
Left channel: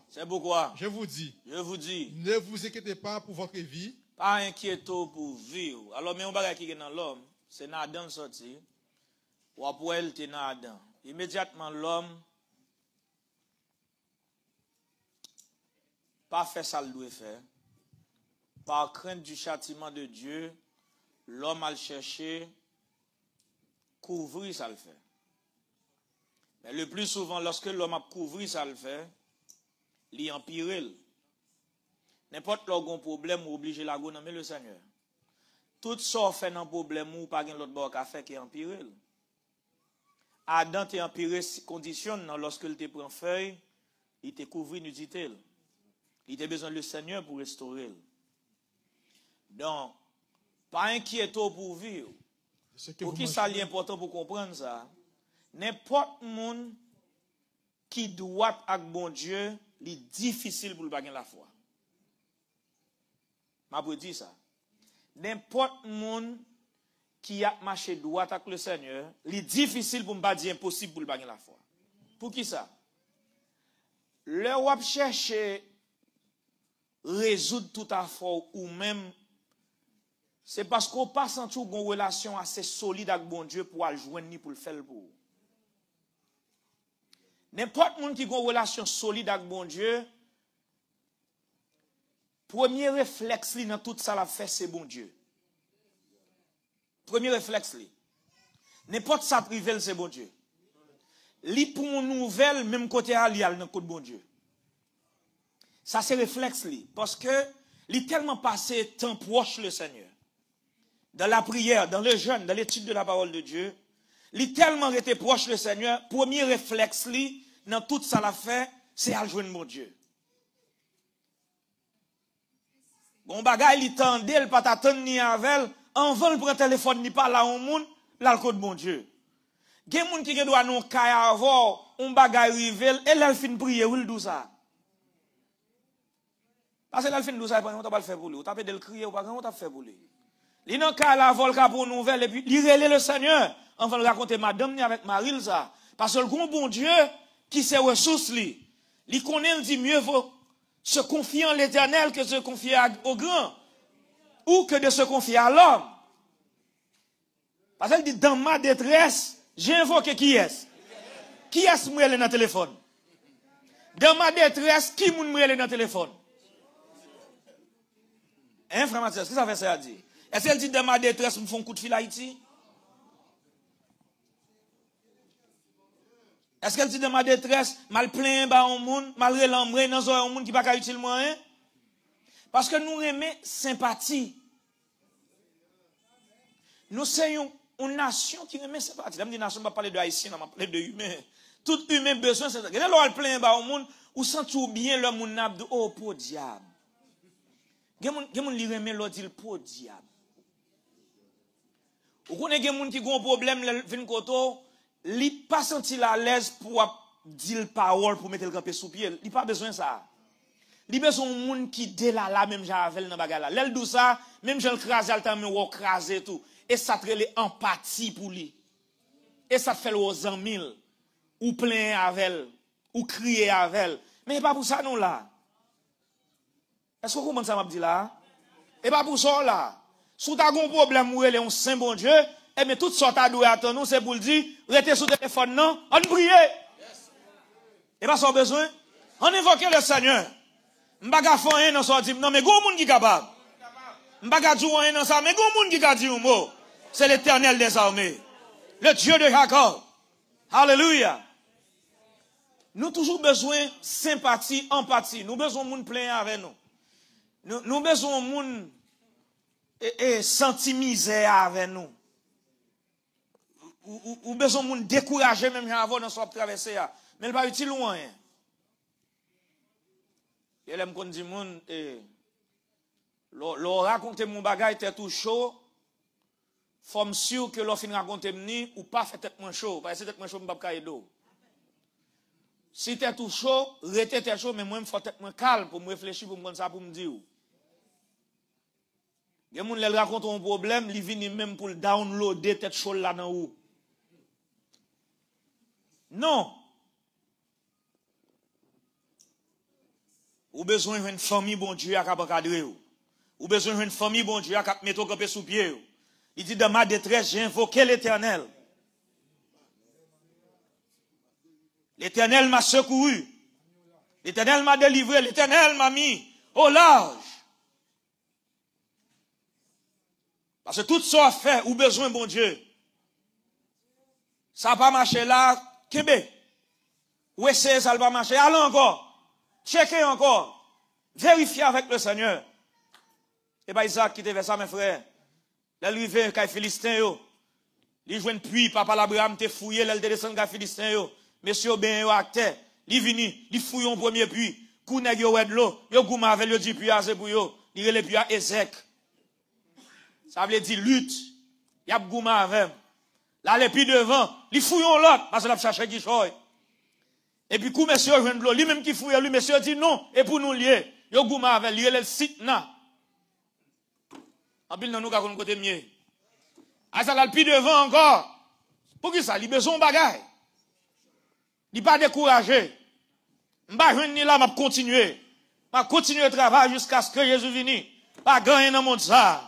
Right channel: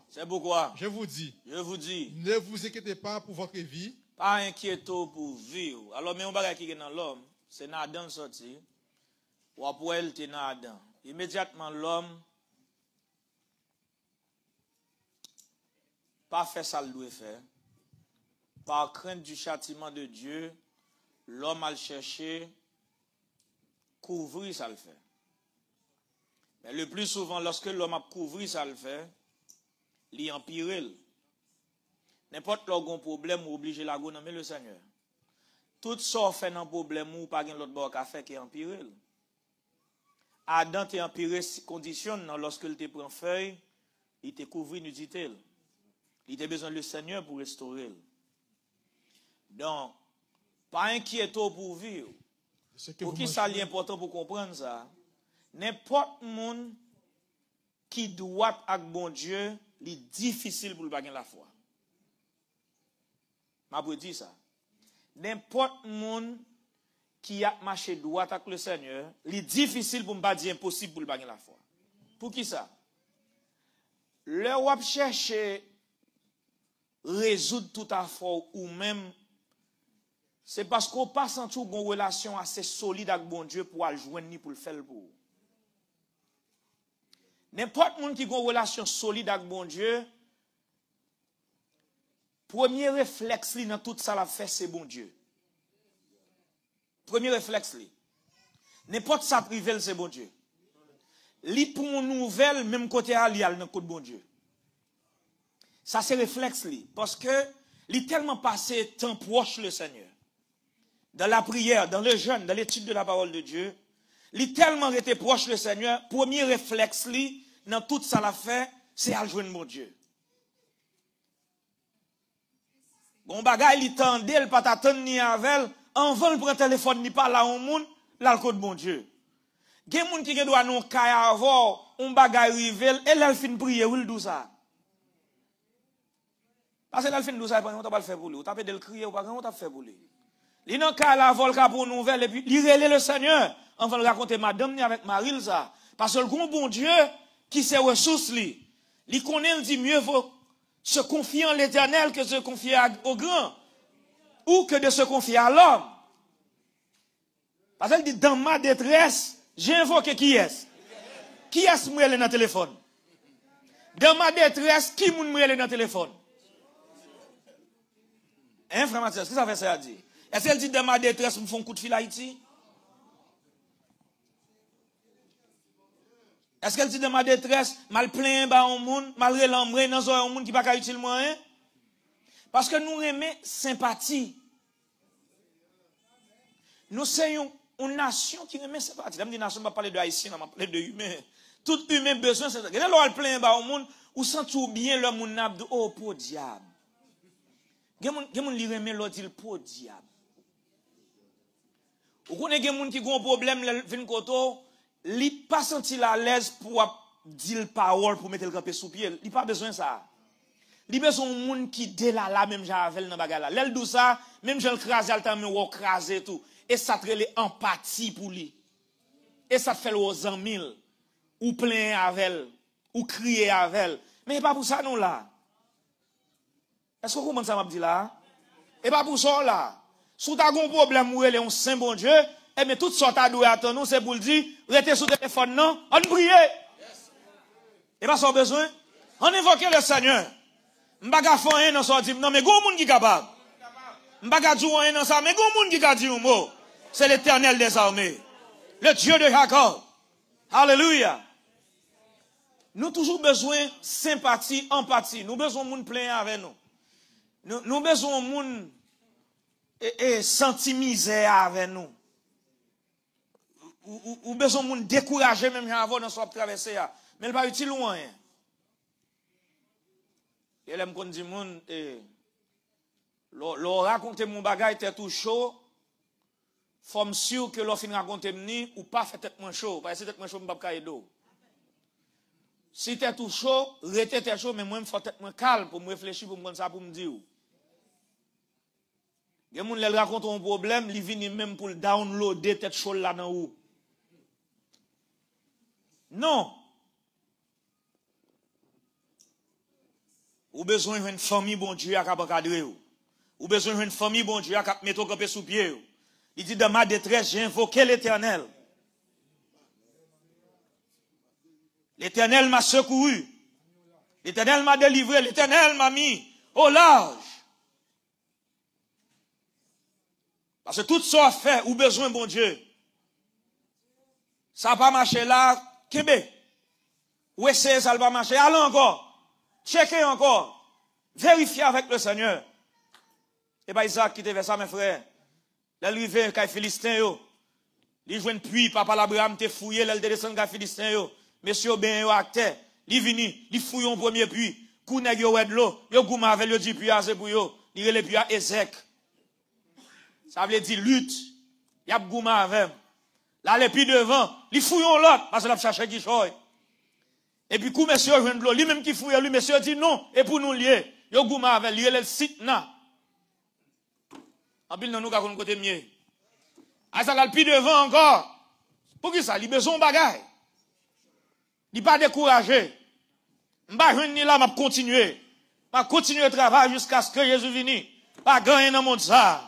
Je vous dis. Ne vous inquiétez pas pour votre vie. Pas inquiétez pour vivre. Alors, mais on va qui est dans l'homme, c'est dans Adam sorti. Ou après, il était dans Adam. Immédiatement, l'homme, pas fait ça le doit faire. Par crainte du châtiment de Dieu, l'homme a cherché couvrir ça le fait. Mais le plus souvent, lorsque l'homme a couvert ça le fait, il empire. N'importe quel problème ou obligé la go nommer le Seigneur. Tout ça fait un problème ou pas l'autre bord qu'a fait qui empire. Adam t'est empiré condition lorsque il te prend feuille, il te couvre nudité. Il a besoin du Seigneur pour restaurer. Donc, pas inquiéter pour vivre. Pour qui ça est important pour comprendre ça? N'importe monde qui doit avec bon Dieu, il est difficile pour le bagage la foi. Je vous dis ça. n'importe monde qui a marché droit avec le Seigneur, il est difficile pour ne pas dire impossible pour le bagner la foi. Pour qui ça? Le wap cherche résoudre tout à fait ou même c'est parce qu'on passe en tout une relation assez solide avec bon Dieu pour le joindre ni pour le faire pour. N'importe monde qui a une relation solide avec bon Dieu, premier réflexe dans tout ça la fait c'est bon Dieu. Premier réflexe n'importe ça privé c'est bon Dieu. Li pour une nouvelle même côté à li al dans côté bon Dieu. Ça c'est réflexe parce que li tellement passé temps proche le Seigneur. Dans la prière, dans les jeûnes, dans l'étude de la parole de Dieu, li tellement été proche le Seigneur, premier réflexe li dans tout ça la fait, c'est à joindre mon Dieu. Bon bagay li tande, il pas t'attendre ni avec, en vent le prend téléphone ni pas là au monde, là le code mon Dieu. Gen moun qui doit non kaya avoir un bagay rivel et là il fin prier ou il dou ça. Parce que là il fin dou ça pas on t'a pas faire pour lui, on t'a fait de le crier ou pas on t'a fait pour lui. Il non kaya la vol ka pour nouvelle et puis il relève le Seigneur, on va le raconter madame ni avec Maril ça parce que le bon Dieu qui sait ressources li, il connaît dit mieux vaut se confier en l'Éternel que se confier au grand ou que de se confier à l'homme. Parce qu'elle dit dans ma détresse j'ai invoqué qui est? Qui est-ce qui est dans le téléphone? Dans ma détresse, qui est dans le téléphone? Hein, frère Mathias, qu'est-ce que ça fait ça à dire? Est-ce qu'elle dit dans ma détresse, ils me font un coup de fil à Haïti? Est-ce qu'elle dit dans ma détresse, mal plein, bah, au monde, mal relambré, dans un monde qui n'a pas utile moyen? Parce que nous aimons sympathie. Nous sommes une nation qui aime sympathie. Même une nation, on va parler de haïtien, on va parler de humain. Tout humain besoin, c'est. Quand on plein bas au monde, ou sent bien l'homme moun n'a oh pour diable. Gen li remet l'autre dit pour diable. Ou connaît gen moun qui gon problème vinn koto, li pas senti la l'aise pour dire parole pour mettre le camper sous pied. Il pas besoin ça. Li besoin moun qui dé la même javel dans bagarre là. L'elle dou ça, même j'en crase al temps me craser tout. Et ça fait l'empathie pour lui. Et ça fait aux amis, ou plein avec, ou crier avec. Mais pas pour ça non là. Est-ce que vous comprenez ça m'a dit là? Et pas pour ça là. Si tu as un problème où elle est un saint bon Dieu, et mais tout ça t'as doué à nous, c'est pour le dire, restez sur le téléphone non, on prie. Et pas ça besoin. On invoque le Seigneur. M'baga faire un dans ça dit non mais go moun qui capable. M'baga dire un dans ça mais go moun qui ka dit un mot. C'est l'Éternel des armées. Le Dieu de Jacob. Alléluia. Nous toujours besoin de sympathie, empathie. Nous besoin de monde plein avec nous. Nous besoin de monde senti misère avec nous. Ou besoin de monde décourager même avant dans soit traverser. Mais il pas utile loin. Et là me dit monde l'on raconter mon bagage était tout chaud. Faut sûr que l'on fin raconter mni ou pas fait tête moins chaud parce que tête moins chaud m'pa ka aider. Si t'es tout chaud, rete t'es chaud mais moi me faut tête moins calme pour me réfléchir pour me prendre ça pour me dire. Les moun les raconte un problème, li vini même pour downloader tête chaud là dans ou. Non. Ou besoin d'une famille bon Dieu à cap encadrer ou besoin d'une famille bon Dieu à cap mettre camper sous pied. Il dit dans ma détresse, j'ai invoqué l'Éternel. L'Éternel m'a secouru. L'Éternel m'a délivré. L'Éternel m'a mis au large. Parce que tout ça fait ou besoin bon Dieu. Ça va marcher là, Québec. Ou essayer ça va marcher. Allez encore. Checkez encore. Vérifiez avec le Seigneur. Et pas Isaac qui te fait ça, mes frères. Là, lui vient quand Philistin yo. Li joine puits, papa l'Abraham te fouillé, là, il descend quand Philistin yo. Monsieur ben yo à terre. Li vini, li fouille un premier puits. Kou nèg yo wèd l'eau. Yo gouma avec yo di puits à pour yo. Li relè puits à Ezek. Ça veut dire lutte. Y a gouma avec. Là, les puits devant. Li fouille l'autre, parce que l'a cherché qui choy. Et puis, kou monsieur joine l'eau. Lui même qui fouille, lui monsieur dit non. Et pour nous lier. Yo gouma avec, li relè site nan. En pile, nous avons côté mieux. À ça, le plus devant encore. Pour qui ça? Il a besoin de bagaille. Il n'est pas découragé. Je ne vais pas là, je vais continuer. Je vais continuer le travail jusqu'à ce que Jésus vienne. Pas gagner dans le monde ça.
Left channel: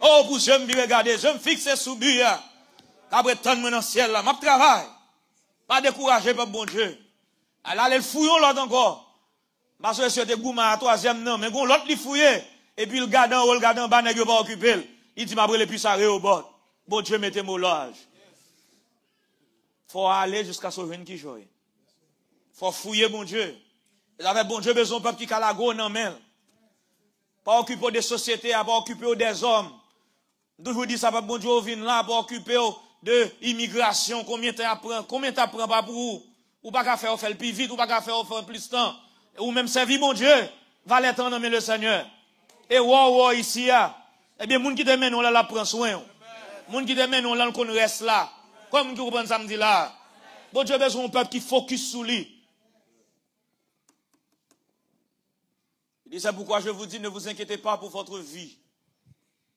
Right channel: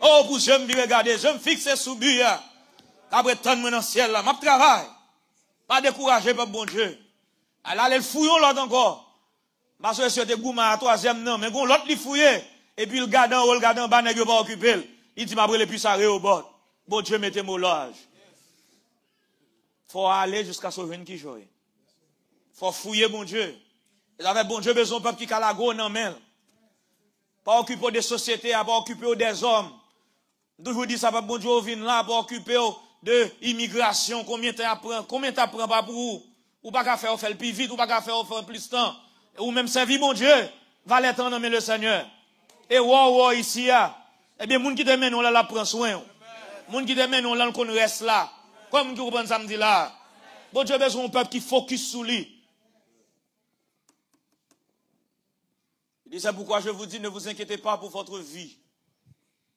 Oh, pour je me regarder, je me fixe sous but. Après, tant de dans le ciel là. Je travaille. Pas découragé par bon Dieu. Alors, les fouillons l'autre encore. Parce que c'était Gouma à troisième non. Mais bon, l'autre, il fouillait. Et puis, le gardant, bas, n'est pas occupé. Il dit, m'abré les plus arrêts au bord. Bon Dieu, mettez mon loge. Faut aller jusqu'à ce jeune qui joue. Faut fouiller bon Dieu. Et avec bon Dieu, besoin de peuple qui calago non mais. Pas occuper des sociétés, pas occuper des hommes. Je vous dis ça, pas bon Dieu, vient là, pas occuper de immigration. Combien de temps prend pas pour vous? Ou pas qu'à faire le plus vite, ou pas qu'à faire plus de temps. Ou même servir mon Dieu. Va les temps nommer le Seigneur. Et wow, ici, eh bien, moun qui te mène, on la prend soin. Moun qui te mène, on qu'on reste là. Comme vous comprenez samedi là. Bon Dieu, besoin d'un peuple qui focus sur lui. Et c'est pourquoi je vous dis, ne vous inquiétez pas pour votre vie.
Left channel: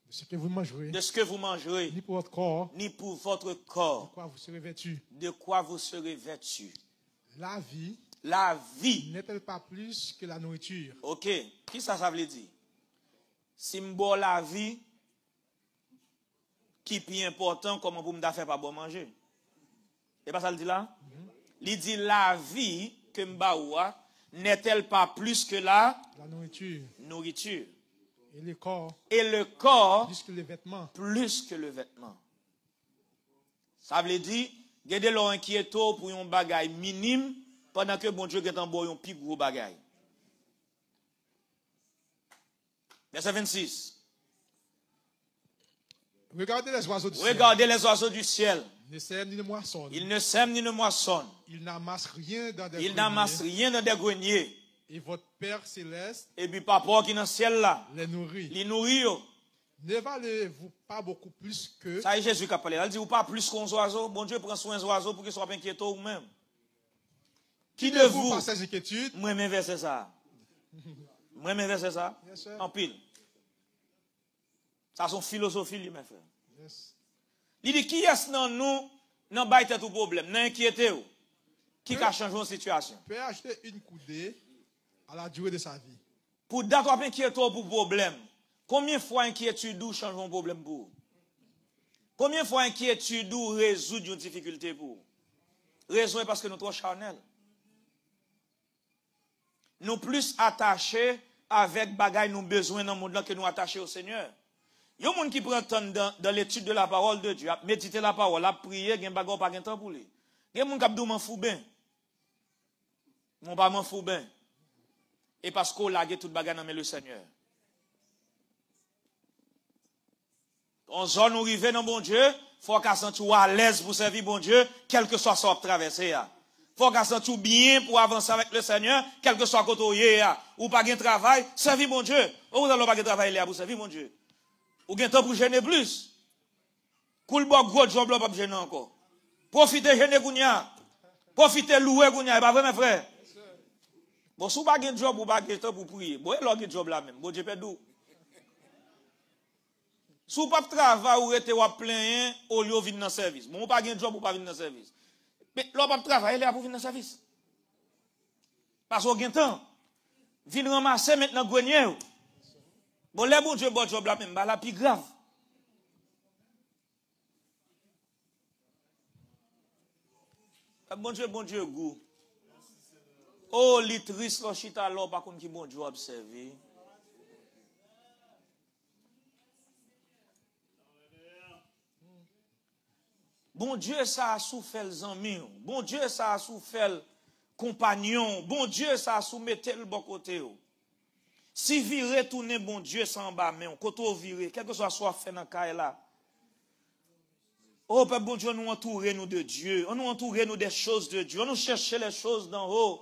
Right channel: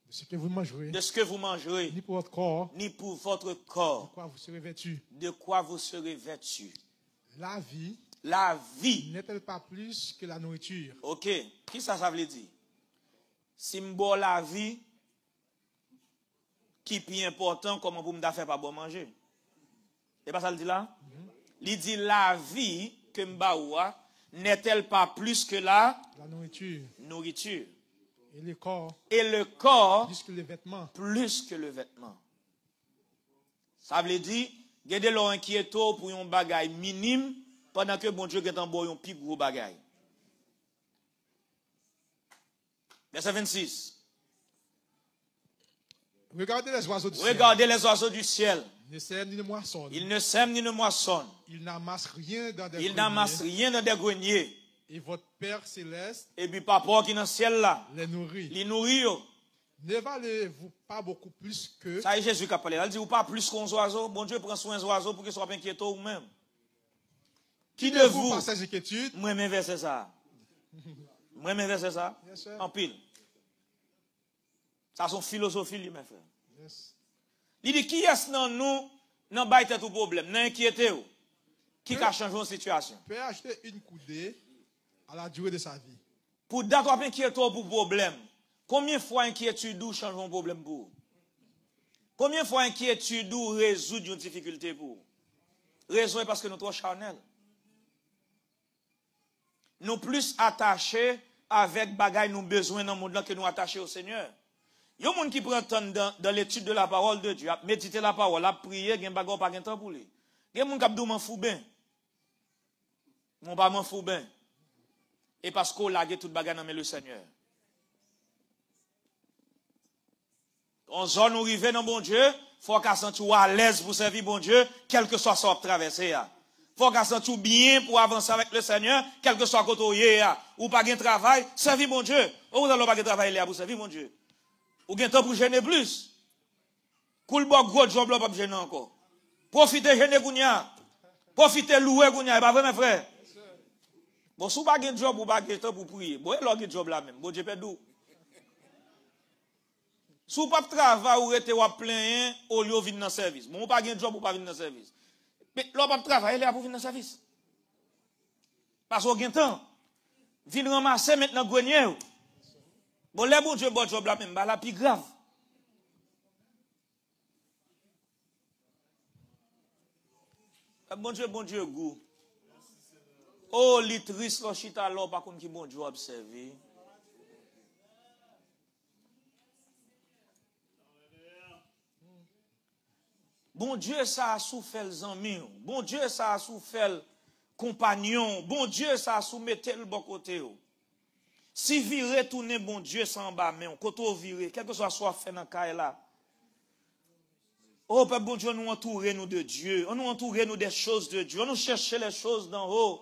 De ce que vous mangerez. De ce que vous mangerez. Ni pour votre corps. Ni pour votre corps. De quoi vous serez vêtu. De quoi vous serez vêtu. La vie. La vie. N'est-elle pas plus que la nourriture? Ok. Qui ça veut dire? Symbole la vie. Qui est plus important, comment vous me faire pas bon manger. Et pas ça le dit là? Il dit la vie que m'baoua n'est-elle pas plus que la nourriture. Et le corps. Et le corps. Plus que le vêtement. Plus que le vêtement. Ça veut dire, gardez leur inquiéto pour un bagage minime, pendant que bon Dieu est en boy un plus gros bagage. Verset 26. Regardez les oiseaux du ciel. Regardez les oiseaux du ciel. Ils ne sèment ni ne moissonnent. Ils ne sèment ni ne moissonnent. Ils n'amassent rien dans des greniers. Ils n'amassent rien dans des greniers. Et votre Père céleste. Et puis papa qui est dans le ciel là. Les nourrit. Les nourrit. Ne valez-vous pas beaucoup plus que. Ça y est, Jésus qui a parlé. Il dit, ou pas plus qu'un oiseau. Bon Dieu prend soin des oiseaux pour qu'ils soient inquiétants ou même. Qui de vous. Par ces inquiétudes. Moi-même verset ça. Moi-même verset ça. En pile. Ça, son philosophie, lui, m'a fait. Yes. Il dit, qui est-ce dans nous, n'a pas été tout problème, n'a inquiété ou, qui a changé la situation? Peut acheter une coudée à la durée de sa vie. Pour d'accord inquiéter pour problème, combien de fois inquiétude ou change un problème pour vous? Combien de fois inquiétude ou résoudre une difficulté pour vous? Raison est parce que nous sommes trop charnels. Nous plus attachés avec bagaille nous besoin dans le monde que nous attachés au Seigneur. Il y a des gens qui prennent dans l'étude de la parole de Dieu, à méditer la parole, à prier, il y a des gens qui pas temps pour lui. Il y a des gens qui disent, m'en fous bien. Mon pas m'en fous bien. Et parce qu'on a tout bagage dans le Seigneur. En zone où arrive dans bon Dieu, faut qu'on sente à l'aise pour servir bon Dieu, quel que soit son traversé. Faut qu'on sente bien pour avancer avec le Seigneur, quel que soit côté ou pas de travail, servir bon Dieu. Ou vous n'avez pas de travail là pour servir bon Dieu. Ou bien temps pour gêner plus. Cool bon gros job là pas gêner encore. Profitez gêner kounya. Profitez louer kounya, pas vrai mes frères. Bon sou pas de job ou pas de temps pour prier. Bon là de job là même. Bon Dieu perdou. Sou pas de travail ou rete ou plein au lieu venir dans service. Bon pas de job ou pas venir dans service. Mais là pas de travail là pour venir dans service. Parce qu'on gagne temps. Vinn ramasser maintenant grenier. Bon, les bon Dieu, bon job là même, la plus grave. Bon Dieu, goût. Oh, li triste, lo chita là, par contre, qui bon Dieu observer. Bon Dieu, ça a souffert les amis. Bon Dieu, ça a souffert les compagnons. Bon Dieu, ça a soumetté le bon côté. Si vous retournez, bon Dieu, sans bas, mais quand vous virez, quel que soit fait dans le cas là. Oh, Père bon Dieu, nous entourer nous de Dieu. On nous entourer nous des choses de Dieu. On nous chercher les choses d'en haut.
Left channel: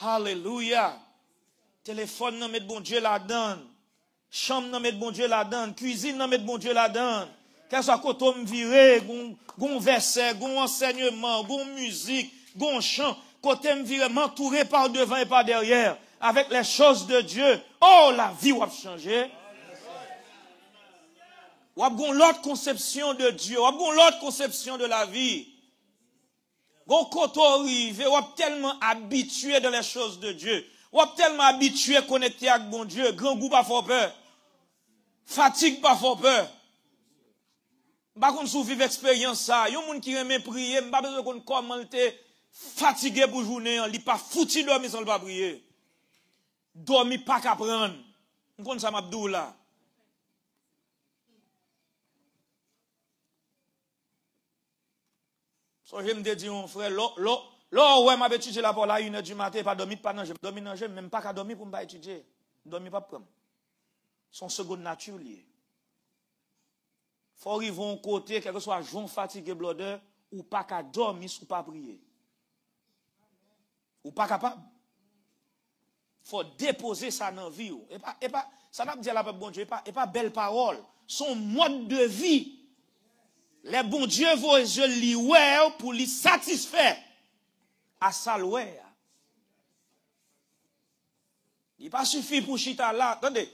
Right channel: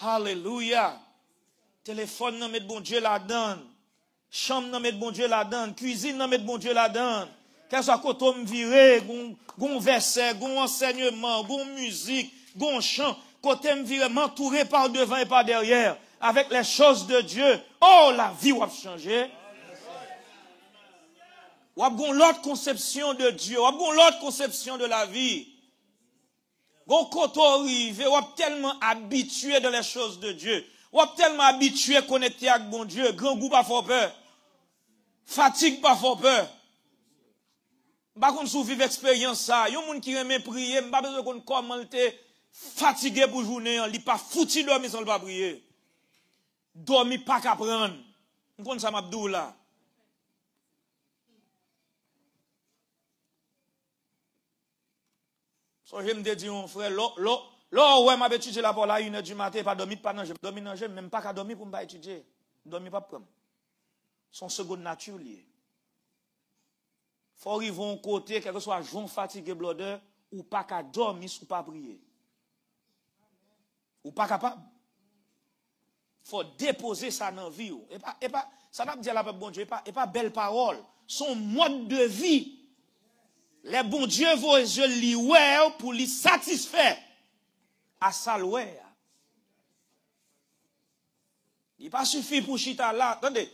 Alléluia. Téléphone, nous met bon Dieu là-dedans. Chambre, nous met bon Dieu là-dedans. Cuisine, nous met bon Dieu là-dedans. Quel soit quand on viré, gon verset, gon enseignement, gon musique, gon chant. Quand on viré, m'entourer par devant et par derrière. Avec les choses de Dieu, oh, la vie va changer. Ou avez l'autre conception de Dieu, ou avez l'autre conception de la vie. Gon koto rive, ou avez tellement habitué dans les choses de Dieu. Ou avez tellement habitué connecté avec bon Dieu, grand goût pas fort peur. Fatigue pas fort peur. M'pa kon sou vive expérience ça, yon moun qui aime prier, m'pa besoin qu'on comment te fatigué pour journée, li pas fouti dormir sans pas prier. Dormir pas qu'à prendre. M'kon ça m'abdou là. So je me dis mon frère, là ouais m'a étudié la parole à 1h du matin, pas dormir pas manger, dormir manger, même pas qu'à dormir pour m'pa étudier. Dormir pas prendre. Son seconde nature lié. Faut arriver à un côté, quel que soit jour fatigué blodé, ou pas qu'à dormir, ou pas prier. Ou pas capable. Faut déposer ça dans la vie. Et pas, ça va me dire la bon Dieu, et pas belle parole. Son mode de vie. Les bon Dieu vont yeux li pour les satisfaire. À ça l'ouer. Il pas suffit pour chita là. Attendez.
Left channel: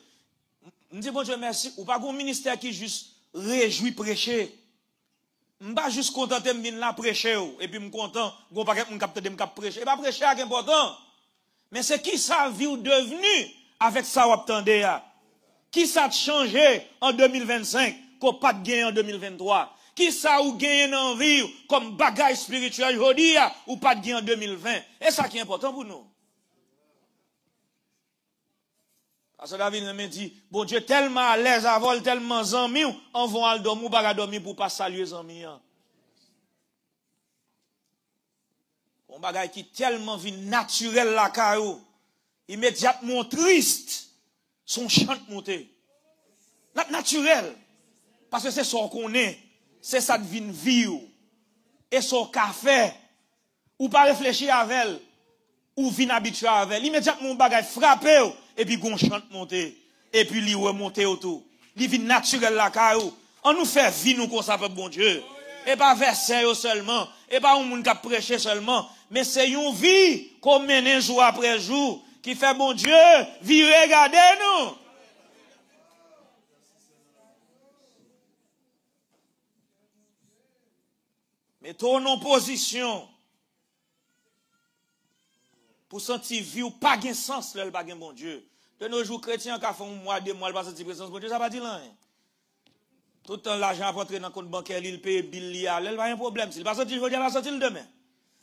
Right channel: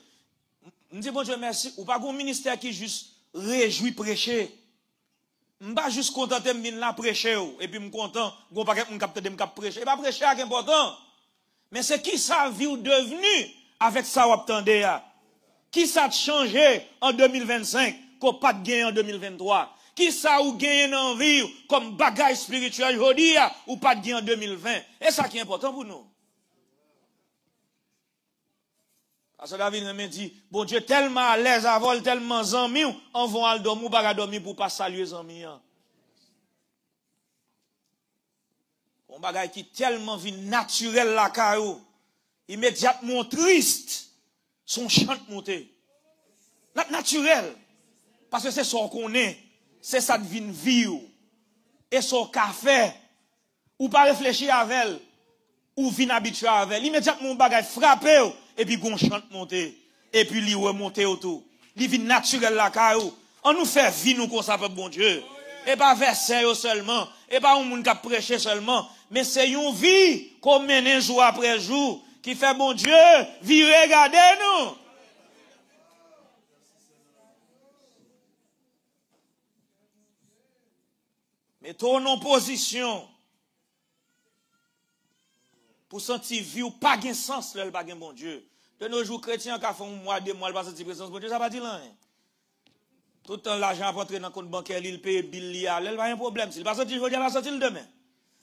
Je dis bon Dieu merci. Ou pas un ministère qui juste réjouit prêcher. Je ne pas juste contenter de venir là prêcher. Et puis je suis content. Je ne capte de me prêcher. Et pas prêcher c'est important. Mais c'est qui ça vie devenu avec ça ou attendez. Qui ça a changé en 2025 qu'on pas de gain en 2023. Qui ça ou gagne en vie comme bagaille spirituel aujourd'hui ou pas de gain en 2020. Et ça qui est important pour nous. Parce que David me dit, bon Dieu, tellement à l'aise à vol, tellement zami, on va aller dormir, ou pas dormir pour pas saluer zami. On bagaille qui tellement vie naturel la caillou, immédiatement triste, son chant monté. Naturel. Parce que c'est son qu'on est, c'est ça devine vie. Et son café, ou pas réfléchir avec elle, ou vin habitué avec elle. Immédiatement, on bagaille frappé, et puis gon chante monter, et puis li remonter autour. Li vin naturel la caillou. On nous fait vie nous comme ça pour bon Dieu. Et pas verset seulement, et pas un monde qui prêcher seulement, mais c'est une vie qu'on mène jour après jour, qui fait bon Dieu, vie regardez nous. Mettons en position pour sentir vie ou pas de sens, là, pas de bon Dieu. De nos jours chrétiens, qui font un mois, 2 mois, pas sentir présence bon Dieu, ça va dire rien. Tout le temps, l'argent va entrer dans le compte bancaire, il paye bill, il n'y a pas un problème. Il va sentir, il va sentir demain.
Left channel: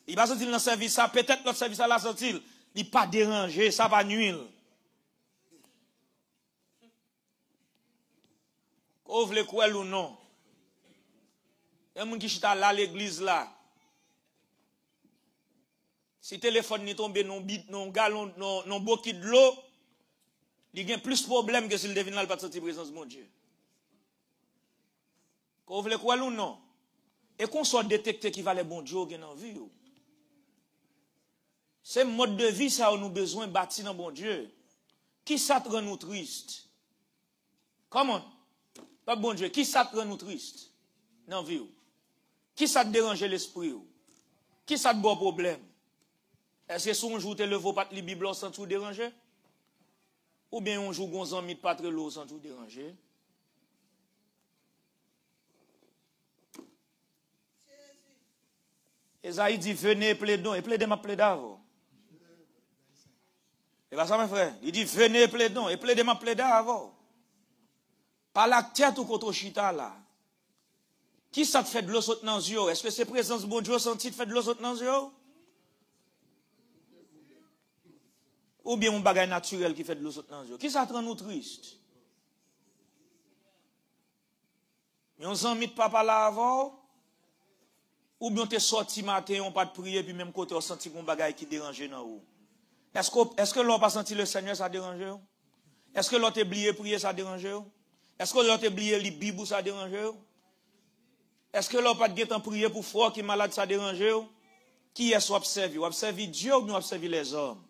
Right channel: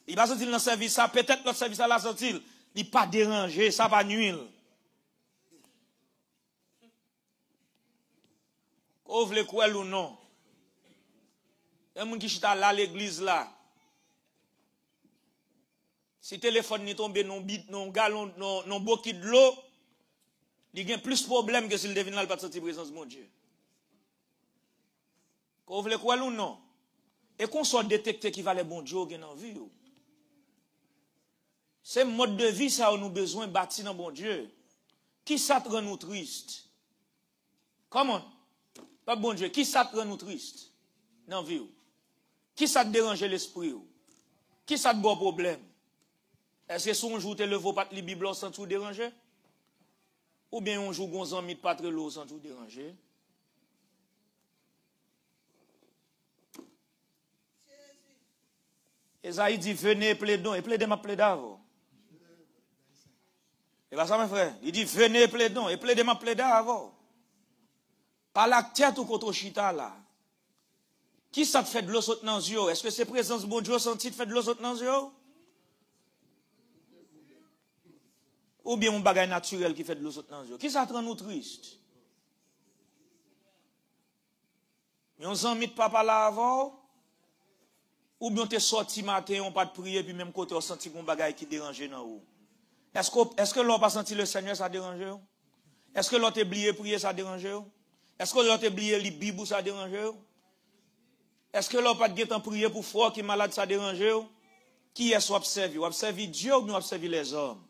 Il va sentir dans le service, ça, peut-être notre service, ça va sentir. Il pas déranger, ça va nuire. Qu'on veut quoi ou non. Il y a des gens qui sont là à l'église là. Si le téléphone n'est tombé non bit, non galon, non bouquet de l'eau, il y a plus de problèmes que s'il devine pas de sortir présence de mon Dieu. Qu'on veut quoi ou non? Et qu'on soit détecté qui va les bon Dieu qui en vie. C'est mode de vie ça où nous besoin bâtir dans bon Dieu. Qui ça te rend nous triste? Comment? Pas bon Dieu, qui ça te rend nous triste? Dans vie. Qui ça te dérange l'esprit? Qui ça te bon problème? Est-ce que si on joue te levé pas li Bible sans tout déranger? Ou bien on joue gonzan mit pas trop l'eau sans tout déranger? Esaïe dit venez plaidons et plaidez ma plaidavo. C'est pas ça mon frère? Il dit venez plaidons et plaidez ma plaidavo. Par la tête ou contre chita là. Qui ça te fait de l'eau saute dans les yeux? Est-ce que c'est présence de bon Dieu senti te fait de l'eau saute dans les yeux? Ou bien un bagage naturel qui fait de l'eau saute dans les yeux? Qui ça te rend nous triste? Mais on s'en met de papa là avant? Ou bien t'es sorti matin, on pas de prier, puis même côté on senti qu'on bagage qui dérangeait dans haut? Est-ce que l'on pas senti le Seigneur, ça dérange? Est-ce que l'on t'a oublié prier, ça dérange? Est-ce que l'on t'a oublié les Bibles, ça dérange? Est-ce que l'on pas de temps prier pour frère qui est malade, ça dérange? Qui est-ce qu'on observe? On observe Dieu ou on observe les hommes?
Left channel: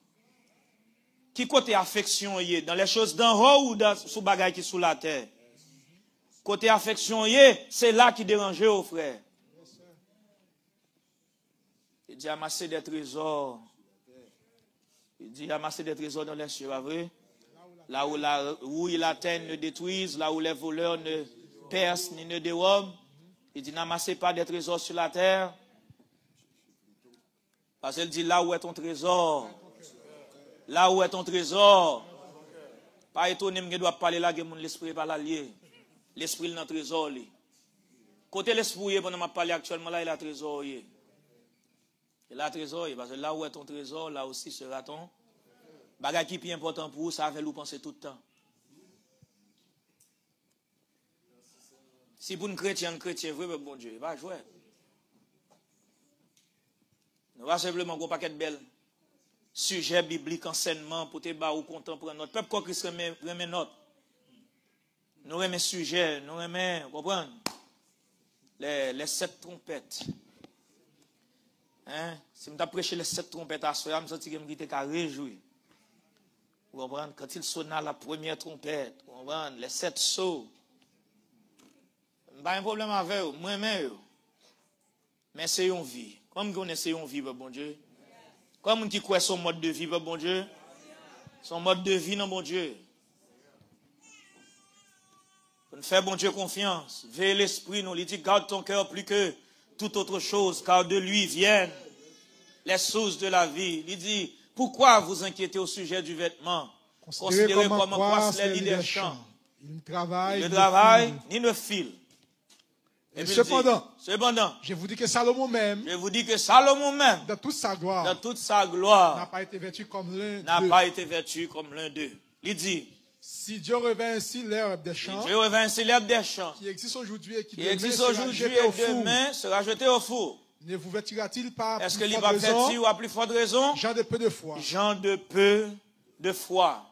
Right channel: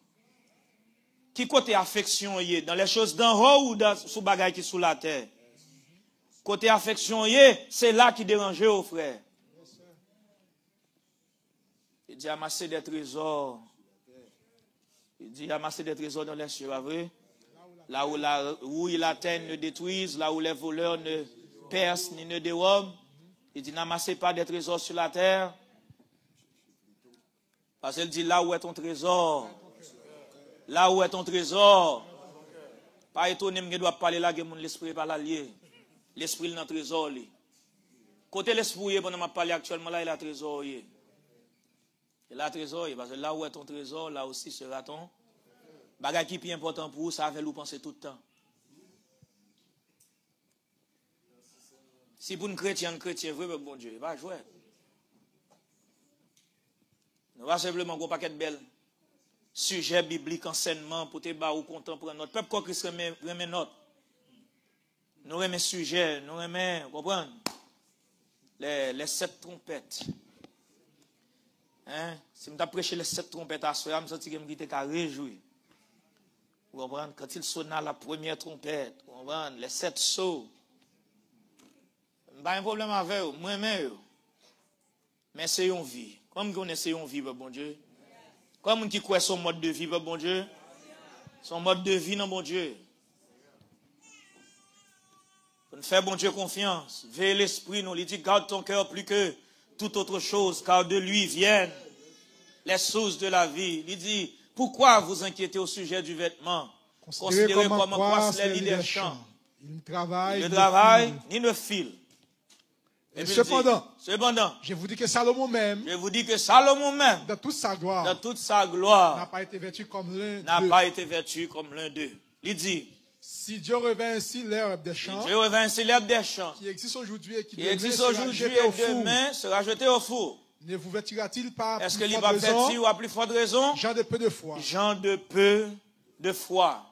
Qui côté affection y est? Dans les choses d'en haut ou dans sous bagage qui sous la terre? Côté affection y est, c'est là qui dérange, oh frère. Il dit amasser des trésors. Il dit amasser des trésors dans les cieux, vrai? Là où la rouille et la terre ne détruisent, là où les voleurs ne perce ni ne dérobe. Il dit, n'amassez pas des trésors sur la terre. Parce qu'il dit, là où est ton trésor, là où est ton trésor, pas étonné, je dois parler là, que l'esprit pas l'allié. L'esprit est dans le trésor. Côté l'esprit, pendant que je parle actuellement, là, il a trésor. Il a trésor, parce que là où est ton trésor, là aussi sera ton. Bagage qui est plus important pour vous, ça va vous penser tout le temps. Si pour un chrétien vrai, bon Dieu, il va jouer. Nous va simplement un paquet de belles sujets bibliques, enseignements, pour te battre ou contemporain. Notre peuple, quoi qu'il se remet notre. Nous remet sujets, nous remet, comprenez? Les 7 trompettes. Hein? Si nous avons prêché les 7 trompettes à soi, je me suis dit que je réjoui. Vous comprenez? Quand il sonna la première trompette, vous comprenez? Les 7 sauts. Pas un problème avec eux, moi-même. Mais c'est une vie. Comme vous connaissez une vie, bon Dieu. Comme on qui croit son mode de vie, bon Dieu. Son mode de vie, non, bon Dieu. On fait, bon Dieu, confiance. Veille l'esprit, non. Il dit, garde ton cœur plus que toute autre chose, car de lui viennent les sources de la vie. Il dit, pourquoi vous inquiétez au sujet du vêtement? Considérez comme croissent les lits des champs. Il ne travaille, ni ne file. Et cependant, je vous dis que Salomon même, dans toute sa gloire, n'a pas été vêtu comme l'un d'eux. Il dit, si Dieu revint ainsi l'herbe des champs, qui existe aujourd'hui et qui demain sera jeté au four, ne vous vêtira-t-il pas est-ce qu'il va vêtir ou à plus forte raison? Gens de peu de foi. Gens de peu de foi.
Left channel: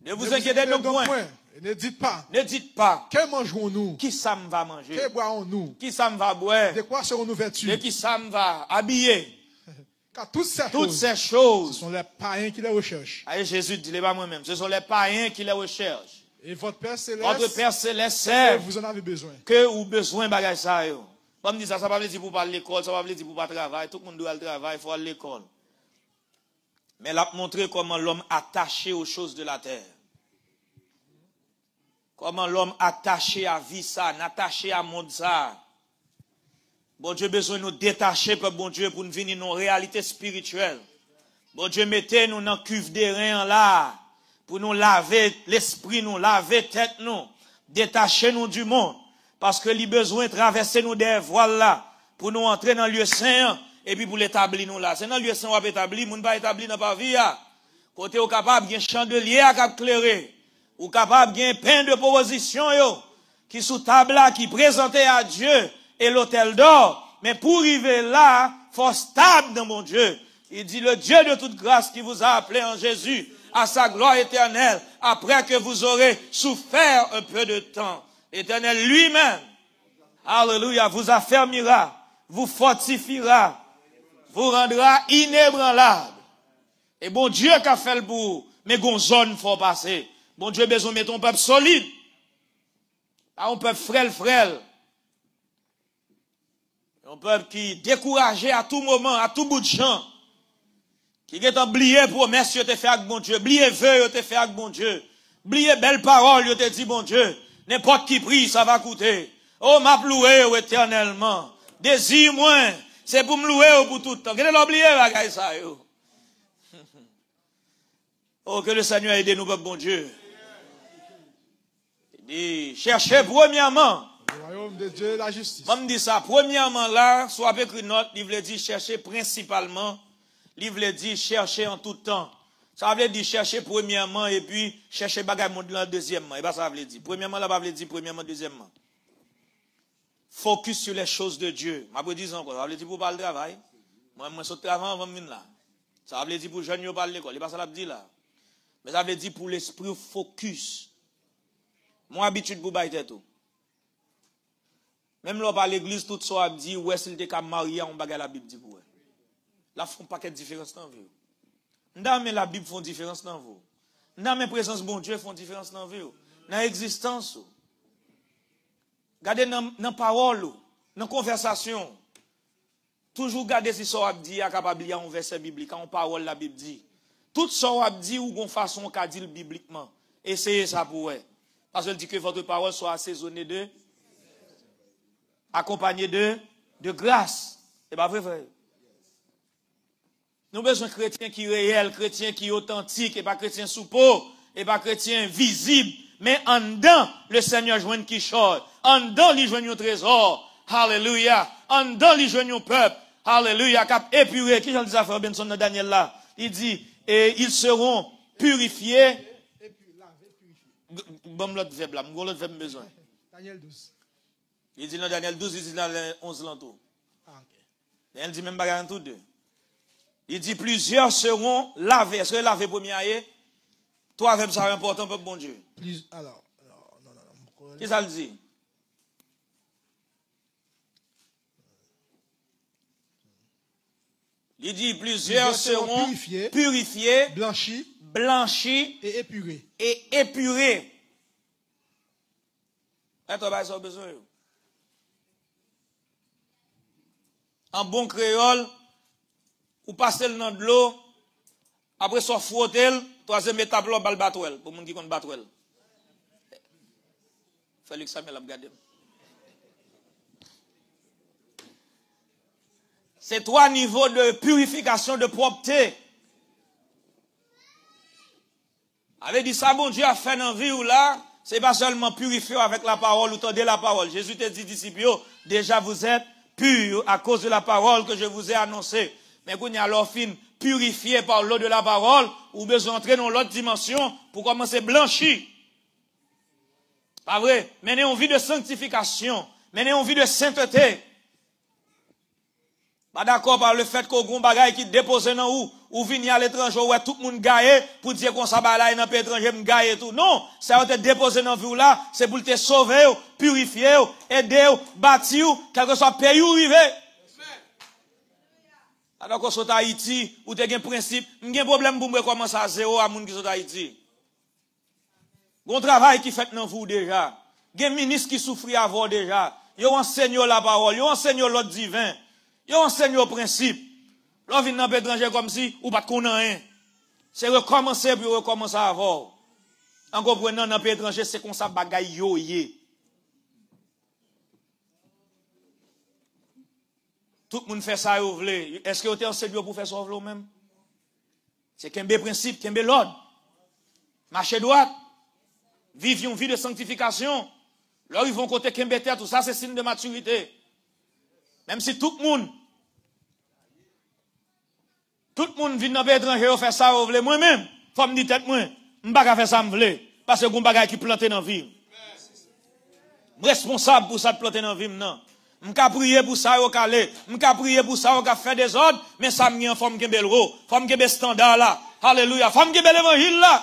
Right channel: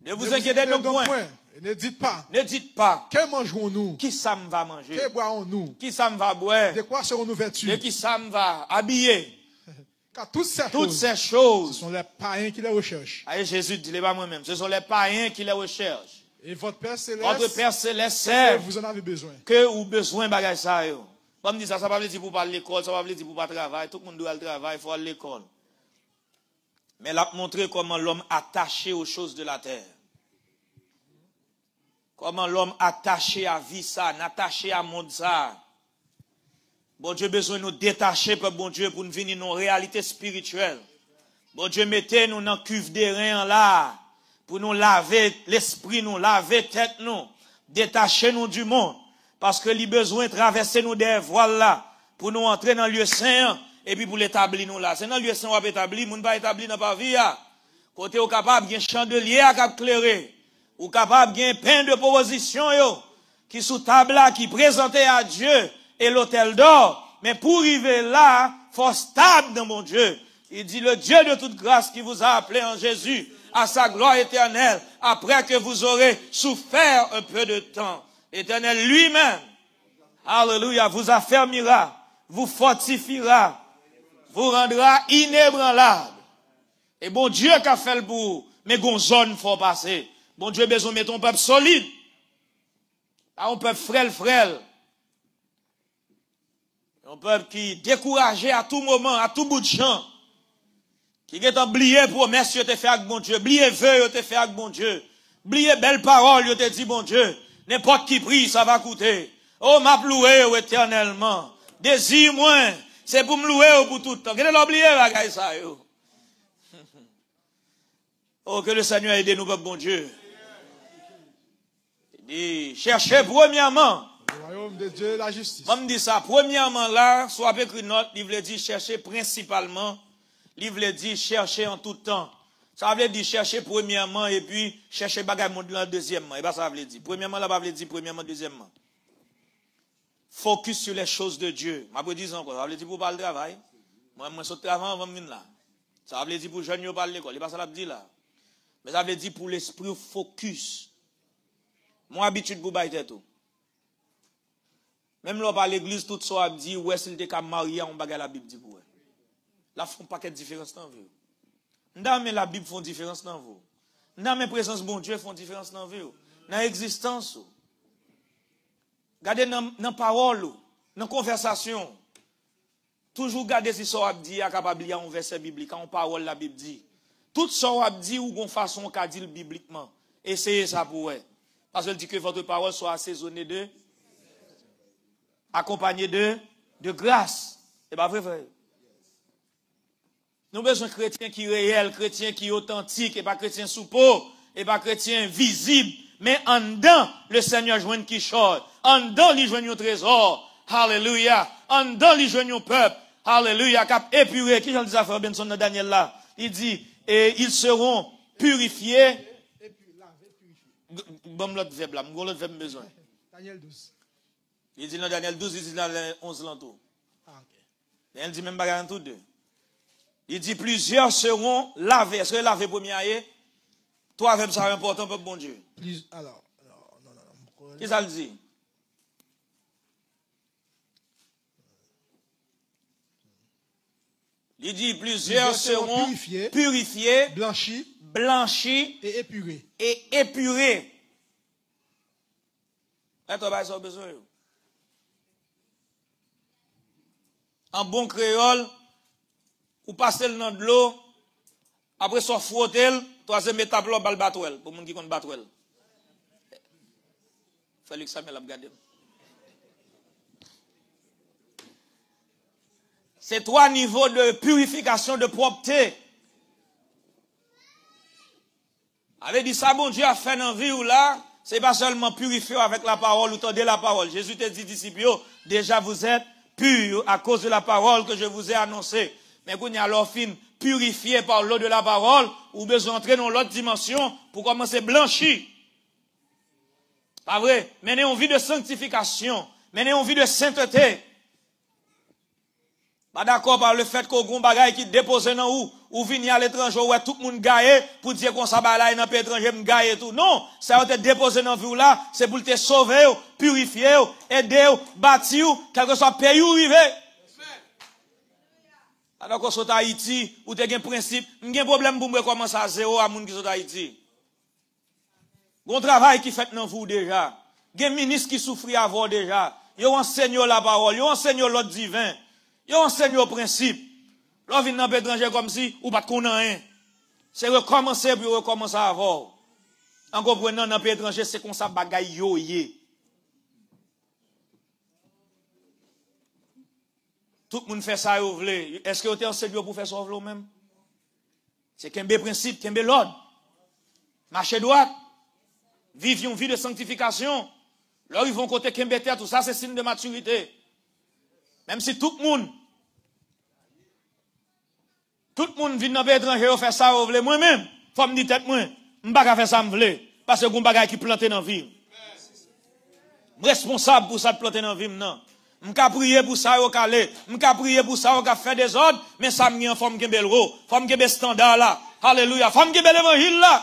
Ne vous inquiétez donc point. Ne dites pas. Que mangerons-nous? Qui ça me va manger? Que boirons-nous? Qui ça me va boire? De quoi serons-nous vêtus? De qui ça me va habiller? Car toutes ces choses, ce sont les païens qui les recherchent. Allez, Jésus dit, pas moi-même. Ce sont les païens qui les recherchent. Et votre Père Céleste, sait vous en avez besoin. Que vous besoin bagage ça. Comme dit ça, ça va pas dire pour parler l'école, ça va pas dire pour pas travailler. Tout le monde doit aller travailler, il faut aller à l'école. Mais il a montré comment l'homme attaché aux choses de la terre. Comment l'homme attaché à vie ça, attaché à monde ça. Bon Dieu besoin de nous détacher par bon Dieu pour nous venir dans une réalité spirituelle. Bon Dieu mettez nous dans cuve des reins là pour nous laver l'esprit, nous laver tête nous, détacher nous du monde parce que il besoin de traverser nous des voiles là pour nous entrer dans le lieu saint et puis pour l'établir nous là. C'est dans le lieu saint on va établir, nous pas établir dans pas vie là. Côté au capable bien chandelier à cap clairer. Ou capable de gagner plein de propositions qui sous table là, qui présentaient à Dieu et l'autel d'or. Mais pour arriver là, faut stable dans mon Dieu. Il dit le Dieu de toute grâce qui vous a appelé en Jésus à sa gloire éternelle après que vous aurez souffert un peu de temps. Éternel lui-même, alléluia, vous affermira, vous fortifiera, vous rendra inébranlable. Et bon Dieu qui a fait le bout, mais gon zone faut passer. Bon Dieu, besoin de mettre un peuple solide. Pas un peuple frêle. Un peuple qui découragé à tout moment, à tout bout de champ. Qui est oublié promesse que te fait avec bon Dieu. Oublié vœu que te fait avec bon Dieu. Oublié belle parole que te dit bon Dieu. N'importe qui prie, ça va coûter. Oh, m'a loué éternellement. Désir moins, c'est pour me louer pour tout le temps. Qu'est-ce que l'oublié, la ça, yo? Oh, que le Seigneur aide nous, peuple bon Dieu. Et cherchez premièrement le royaume de Dieu et la justice. Comme dit ça, premièrement là, soit avec une note, il veut dire chercher principalement, il veut dire chercher en tout temps. Ça veut dire chercher premièrement et puis chercher bagage monde là deuxièmement. Et bien ça veut dire. Premièrement là, ça veut dire premièrement, deuxièmement. Focus sur les choses de Dieu. Je vais dire encore, ça veut dire pour parler de travail. Moi, je suis travail avant de là. Ça veut dire pour jeunes qui parlent de l'école. Et bien ça veut dire là. Mais ça veut dire pour l'esprit focus. Moi, habitude pour bailler tout. Même là, par l'église, tout ça a dit, ouais, s'il était qu'à marier, on bagarre la Bible dit pour eux. Là, font pas quelle différence dans vous. Dans mais la Bible font différence dans vous. Dans mes présences, bon Dieu, font différence dans vous. Dans l'existence. Gardez dans la parole, dans la conversation. Toujours gardez si ça a dit, à capable de lire un verset biblique, en parole, la Bible dit. Tout ça a dit ou gon façon qu'a dit bibliquement. Essayez ça pour eux. Parce qu'il dit que votre parole soit assaisonnée de, accompagnée de grâce. C'est pas vrai, frère. Nous avons besoin de chrétiens qui sont réels, chrétiens qui sont authentiques, et pas chrétiens sous peau, et pas chrétiens visibles. Mais en dedans, le Seigneur joint qui chante. En dedans, il joint un trésor. Alléluia. En dedans, il joint un peuple. Alléluia. Cap épuré. Qui j'en dis à Frère Benson dans Daniel là? Il dit, et ils seront purifiés. Bon, l'autre verbe là. Mon l'autre verbe besoin. Daniel 12. Il dit dans Daniel 12, il dit dans 11 l'entour. Il dit même bagarre en tout deux. Il dit plusieurs seront lavés. Est-ce que laver premier aïe? Toi, avec ça, important pour bon Dieu. Alors, qu'est-ce que ça veut dire? Il dit plusieurs seront purifiés, blanchis et épurés. Est-ce que besoin? En bon créole, ou passer le nom de l'eau, après ça frotter, troisième étape là, bal batouel, pour les gens qui connaissent batouel. Félix Samuel a regardé. C'est 3 niveaux de purification, de propreté. Avait dit ça, bon Dieu a fait dans la vie ou là, c'est pas seulement purifier avec la parole ou tendez la parole. Jésus te dit, disciples, déjà vous êtes purs à cause de la parole que je vous ai annoncée. Mais quand il y a alors fin purifié par l'eau de la parole, ou besoin d'entrer dans l'autre dimension pour commencer blanchi. Pas vrai? Mener une vie de sanctification, mener une vie de sainteté. Pas d'accord par le fait qu'on a un bagage qui dépose dans ou venir à l'étranger, où tout le monde gagne, pour dire qu'on s'en va là, dans le pays étranger, on gagne tout. Non, ça va te déposer dans la vie là, c'est pour te sauver, purifier, aider, bâtir, quel que soit le pays où il est. Alors qu'on soit à Haïti, ou tu as un principe, il y a un problème pour me commencer à zéro à gens qui sont à Haïti. Il y a un travail qui fait dans vous déjà. Il y a un ministre qui souffre avant déjà. Il y a un enseignant la parole, il y a un enseignant l'autre divin. Il y a un enseignant au principe. Là, vient dans l'étranger comme si, ou pas de rien. C'est recommencer puis recommencer avant. En comprenant dans l'étranger, c'est comme ça bagaille yo yé. Tout le monde fait ça, vous voulez. Est-ce que vous êtes enseigné pour faire ça, vous même? C'est qu'un bel principe, qu'un bel l'ordre. Marcher droit. Vivre une vie de sanctification. Là, ils vont côté qu'un bel terre, tout ça, c'est signe de maturité. Même si tout le monde vient dans le étranger et fait ça, vous voulez, moi-même, faut me dire tête moi, je ne vais pas faire ça, je veux. Parce que vous avez qui planté dans la vie. Responsable pour ça de planter dans la vie, non. Je vais prier pour ça, au calé. Je vais prier pour ça, au faire des ordres, mais ça me faut me gagner le haut, faut me gagner standard là. Alléluia. Faut me gagner l'évangile là.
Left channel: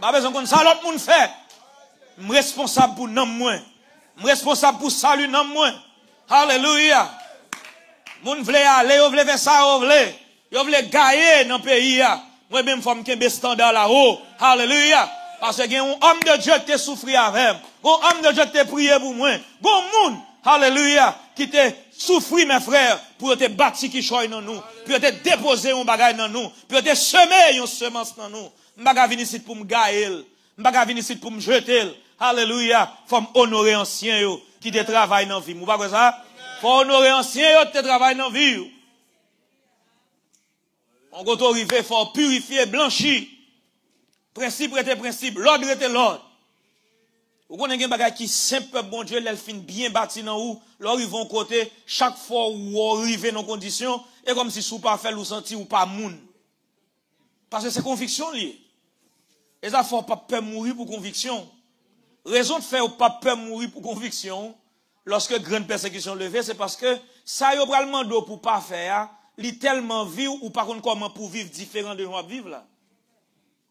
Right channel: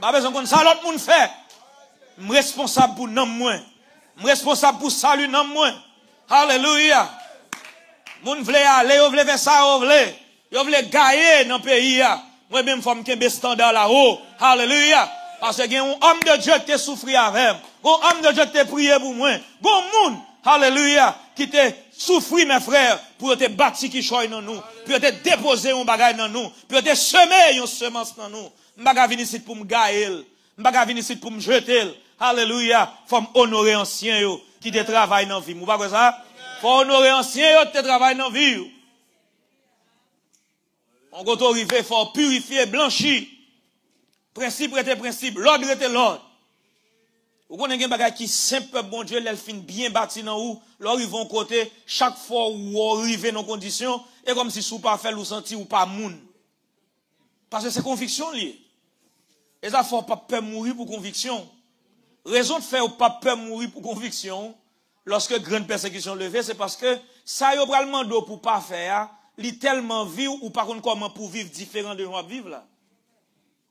Pas besoin de ça, l'autre monde fait. Je suis responsable pour nom moi. Je suis responsable pour salut nom moi. Alléluia. Moun vle aller, ou vle faire ça, ou vle gagner dans le pays. Moi-même, je suis un standard là-haut. Alléluia. Parce qu'il y a un homme de Dieu qui te souffri avec. Un homme de Dieu qui te prié pour moi. Bon monde, alléluia, qui te souffri, mes frères, pour te bâtir qui choye dans nous, pour te déposer un bagage dans nous, pour te semer une semence dans nous. Je ne vais pas venir ici pour me gagner. Je ne vais pas venir ici pour me jeter. Alléluia. Il faut honorer ancien qui te travaille dans la vie. Vous ne ça? Il faut honorer ancien qui te travaille dans la vie. On va arriver, il faut purifier, blanchir. Principe était principe, l'ordre était l'ordre. Vous connaissez un bagage qui simple, bon Dieu, l'elfine bien bâti dans où, là, ils vont côté, chaque fois où vous arrivez dans conditions, et comme si vous pas fait ou senti ou pas moun. Parce que c'est conviction liée. Et ça, faut pas peur mourir pour conviction. Raison de faire pas peur mourir pour conviction, lorsque grande persécution levée, c'est parce que ça y a probablement d'eau pour pas faire, li tellement vivre ou par contre comment pour vivre différent de nous vivre là.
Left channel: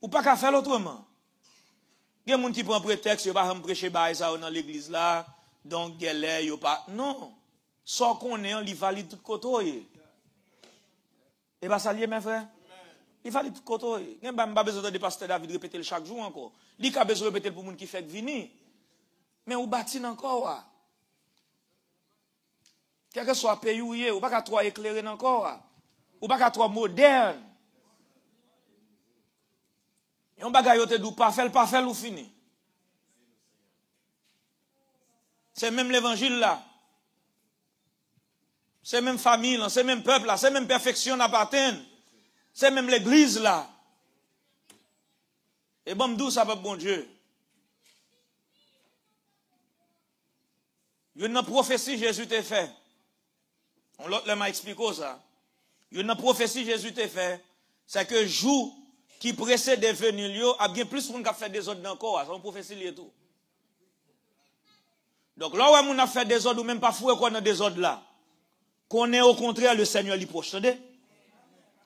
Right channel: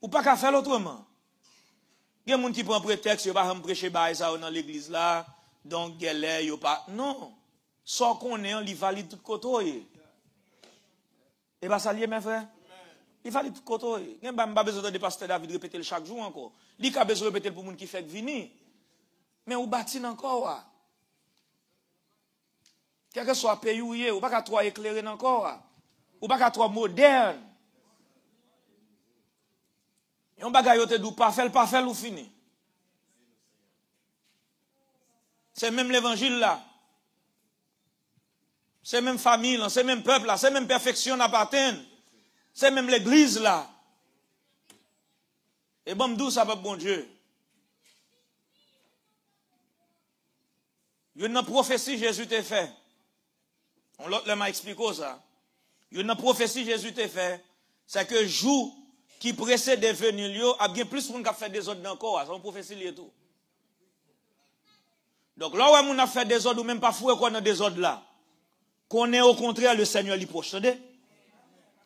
Ou pas qu'à faire autrement. Il y a des gens qui prennent prétexte, ils ne vont pas prêcher dans l'église là, donc galère, ils pas. Non. Sans qu'on ait, il valide tout côté. Et bien ça lié, mes frères. Il valide tout côté. Il n'y a pas besoin de pasteur David répéter chaque jour encore. Il n'y a pas besoin de répéter pour les gens qui fait venir. Mais on bâtit encore. Quel que soit le pays où il est, on ne peut pas trop éclairer encore. On ne peut pas trop moderne. On bagaille te dou pas faire ou fini. C'est même l'évangile là. C'est même famille là, c'est même peuple là, c'est même perfection appartient. C'est même l'église là. Et bon, d'où ça va, bon Dieu? Il y a une prophétie Jésus t'a fait. L'autre m'a expliqué ça. Il y a une prophétie Jésus t'a fait. C'est que jour qui précède de venir, il y a bien plus de monde qui a fait des ordres encore. C'est une prophétie liée tout. Donc là où on a fait des ordres, ou même pas fou qu'on a des ordres là. Qu'on est au contraire le Seigneur lui procède.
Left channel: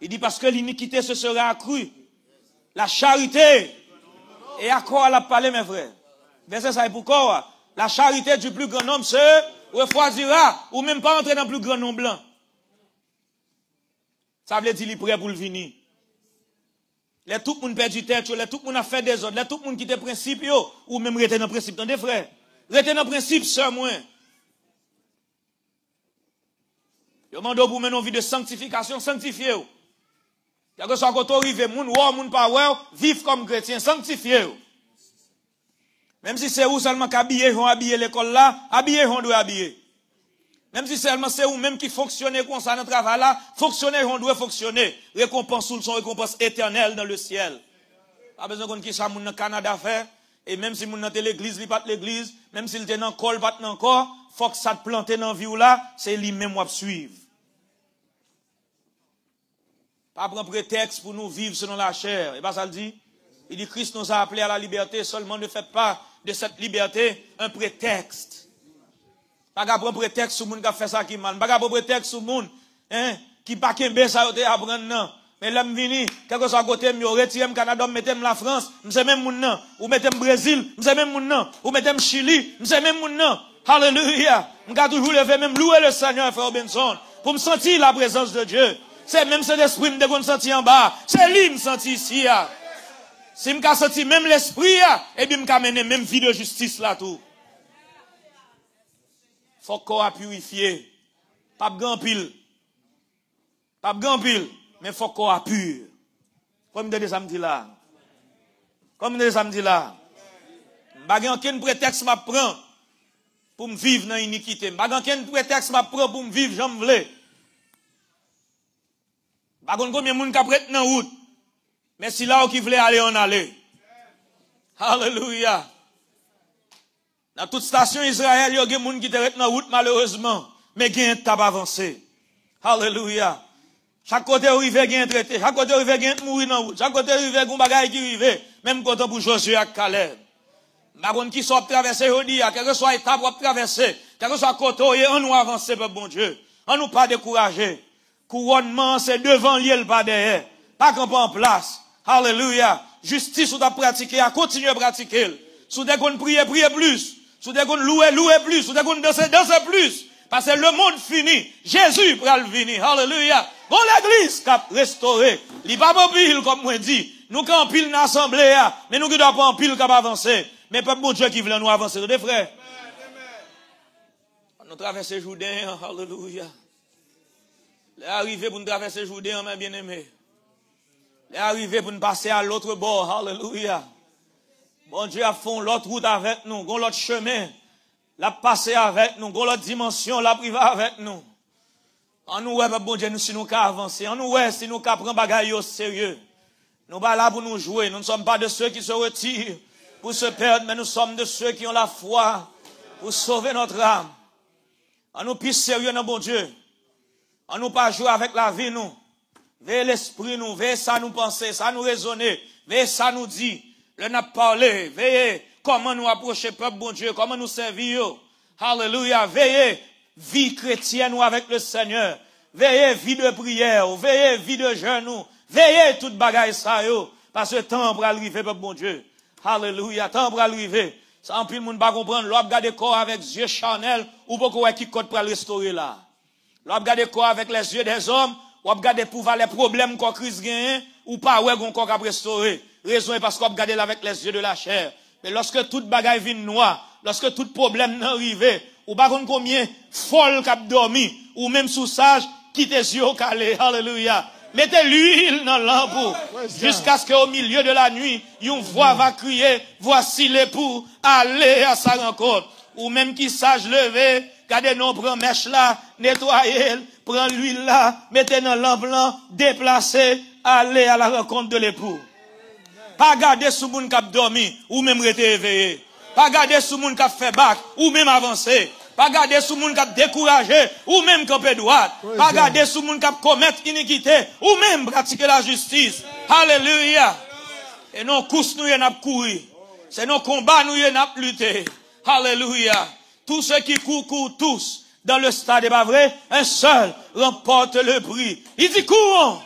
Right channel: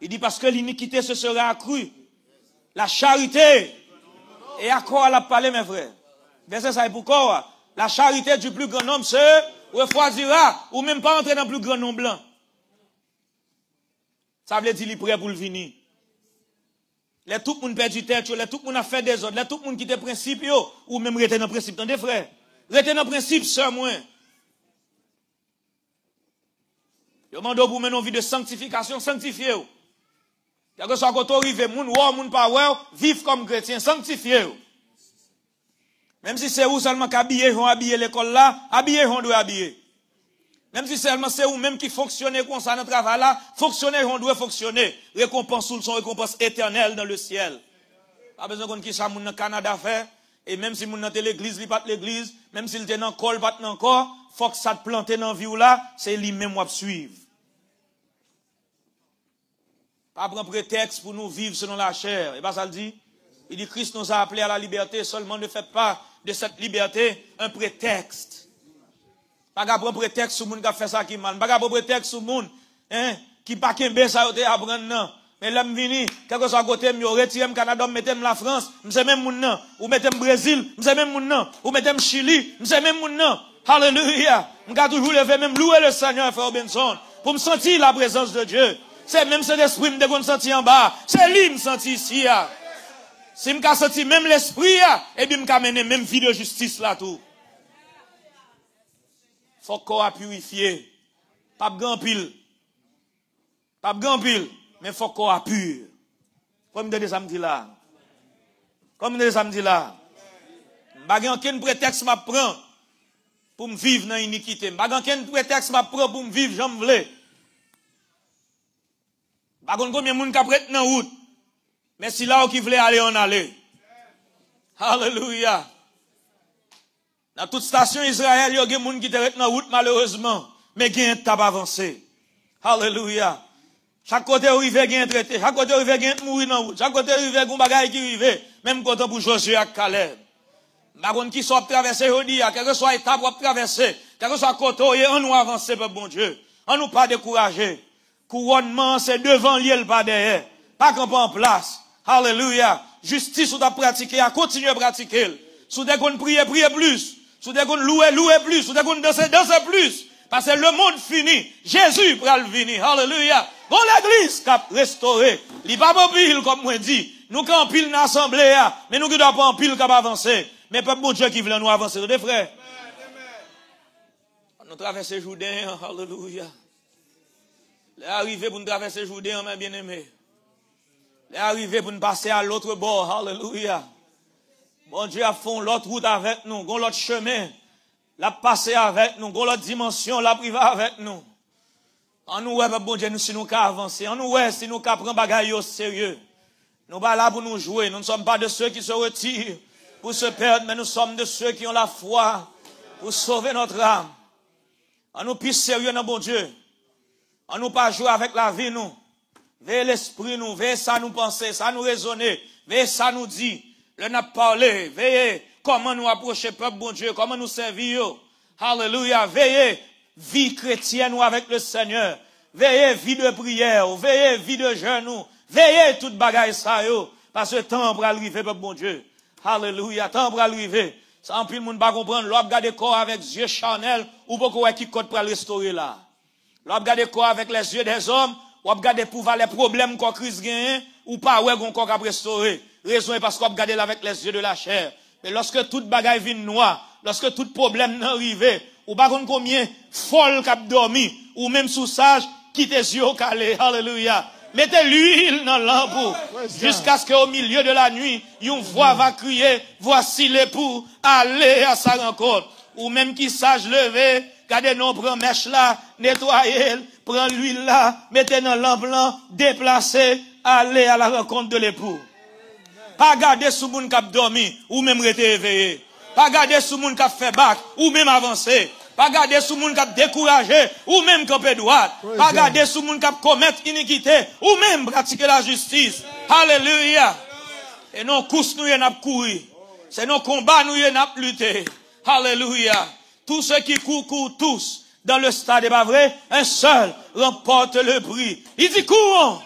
Il dit parce que l'iniquité se sera accrue. La charité. Et à quoi elle a parlé, mes frères? Verset ça est pourquoi? La charité du plus grand homme se refroidira, ou même pas entrer dans le plus grand nombre blanc. Ça veut dire qu'il est prêt pour le venir. Les tout le monde perdu tête, les tout le monde a fait des ordres, les tout le monde qui des principes, ou même rester dans le principe, dans des frères. Rester dans le principe, c'est moi. Je demande pour mener une vie de sanctification, sanctifiez-vous. Quand vous arrivez, moun pas vivre comme chrétien, sanctifiez-vous. Même si c'est où seulement qu'habiller, ils vont habiller l'école là, habiller, ils vont doit habiller. Même si seulement c'est où même qui fonctionne comme ça dans le travail là, fonctionner, ils vont doit fonctionner. Récompense sous le son, récompense éternelle dans le ciel. Pas besoin qu'on quitte ça, moun dans le Canada fait, et même si moun dans l'église, il pas l'église, même s'il était dans le col, pas encore, faut que ça te plante dans la vie là, c'est lui-même qui va suivre. Pas prendre prétexte pour nous vivre selon la chair. Et pas ça le dit? Il dit Christ nous a appelés à la liberté, seulement ne faites pas de cette liberté un prétexte. Pas prendre prétexte sur le monde qui a fait ça qui mal. Pas prendre prétexte sur le monde qui pas qu'un ça à apprendre non. Mais l'homme vini, quelque soit à côté, me retire le Canada, mettez la France, m'sais même moun nan, ou mettez le Brésil, m'sais même moun nan, ou mettez le Chili, m'sais même moun nan. Alléluia. M'ka toujours lever même louer le Seigneur frère Benson pour me sentir la présence de Dieu. C'est même cet esprit me de senti en bas, c'est lui me senti ici. Si me ka senti même l'esprit et puis me ka mener même vie de justice là tout. Faut qu'on a purifié. Pas grand pile. Pas grand pile, mais faut qu'on a pur. Comme des samedi là. Comme des samedi là. Pas aucun prétexte m'a prend pour me vivre dans l'iniquité. Pas aucun prétexte m'a prend pour me vivre j'en vle. Pas combien de monde qui prête dans route. Mais si là où qui voulait aller, on allait. Alléluia. Dans toute station Israël, il y a des gens qui prête dans route malheureusement. Mais qui n'ont pas avancé. Alléluia. Chaque côté où il veut gagner traité. Chaque côté où il veut gagner mourir dans route. Chaque côté où il veut gagner bagaille qui rive. Même côté pour Josué et Caleb. Pas qu'on qui soit traversé aujourd'hui, quel que soit étape pour traverser, quel que soit côté, on nous avance, pour bon Dieu. On nous pas décourager. Couronnement, c'est devant lui, pas derrière. Pas qu'on pas en place. Alléluia. Justice, ou t'as pratiqué, à continuer à pratiquer. Sous des qu'on prier plus. Sous des qu'on louer plus. Sous des qu'on danser plus. Parce que le monde fini. Jésus va le venir. Alléluia. Bon, l'église qui a restauré. Il va pas pile, comme moi dit. Nous qui en pile dans l'assemblée, mais nous qui doit pas en pile qui va avancer. Mais pas bon Dieu qui veut nous avancer. Des frères. Nous traversons Jourdain. Alléluia. Les arrivés pour nous traverser Jourdain, on a bien aimé. Les arrivés pour nous passer à l'autre bord. Alléluia. Bon Dieu a fait l'autre route avec nous, l'autre chemin. L'a passé avec nous, l'autre dimension, l'a privé avec nous. En nous, bon Dieu, si nous avons avancé. En nous, si nous avons pris bagaille au sérieux. Nous sommes pas là pour nous jouer. Nous ne sommes pas de ceux qui se retirent pour se perdre, mais nous sommes de ceux qui ont la foi pour sauver notre âme. En nous plus sérieux, non, bon Dieu. On nous pas jouer avec la vie, nous. Veillez l'esprit, nous. Veillez ça nous penser, ça nous raisonner. Veillez ça nous dit. On a parlé. Veillez comment nous approcher peuple, bon Dieu. Comment nous servir. Alléluia. Veillez vie chrétienne ou avec le Seigneur. Veillez vie de prière. Veillez vie de jeûne. Veillez toute bagaille ça, yo. Parce que temps pour arriver, peuple, bon Dieu. Alléluia. Temps pour arriver. Ça, en plus, le monde va comprendre. L'homme garde corps avec yeux charnels. Ou beaucoup qui code pour restaurer là. L'on regarde quoi avec les yeux des hommes, ou regarde pour voir les problèmes qu'on crise gagne, ou pas ouais qu'on corps à restaurer. Raison est parce qu'on regarde là avec les yeux de la chair. Mais lorsque toute bagaille vient noire, lorsque tout problème n'arrive, ou pas combien folle qu'a dormi, ou même sous sage, qui tes yeux calés, alléluia. Mettez l'huile dans l'ampoule, jusqu'à ce qu'au milieu de la nuit, une voix va crier, voici l'époux, allez à sa rencontre. ou même qui sage levé, gardez non, prend mèche là, nettoyez, prend l'huile là, mettez dans lampe blanc, déplacez, allez à la rencontre de l'époux. Pas garder sous moun k'ap dormi, ou même rete éveillé. Pas garder sous moun k'ap fait bac, ou même avancer. Pas garder sous moun k'ap découragé, ou même camper droit. Pas garder sous moun k'ap commettre iniquité, ou même pratiquer la justice. Alléluia. Et non, course nous y n'a courir. C'est nos combats nous y n'a lutter. Alléluia. Tous ceux qui courent tous dans le stade, n'est pas vrai? Un seul remporte le prix. Il dit courons.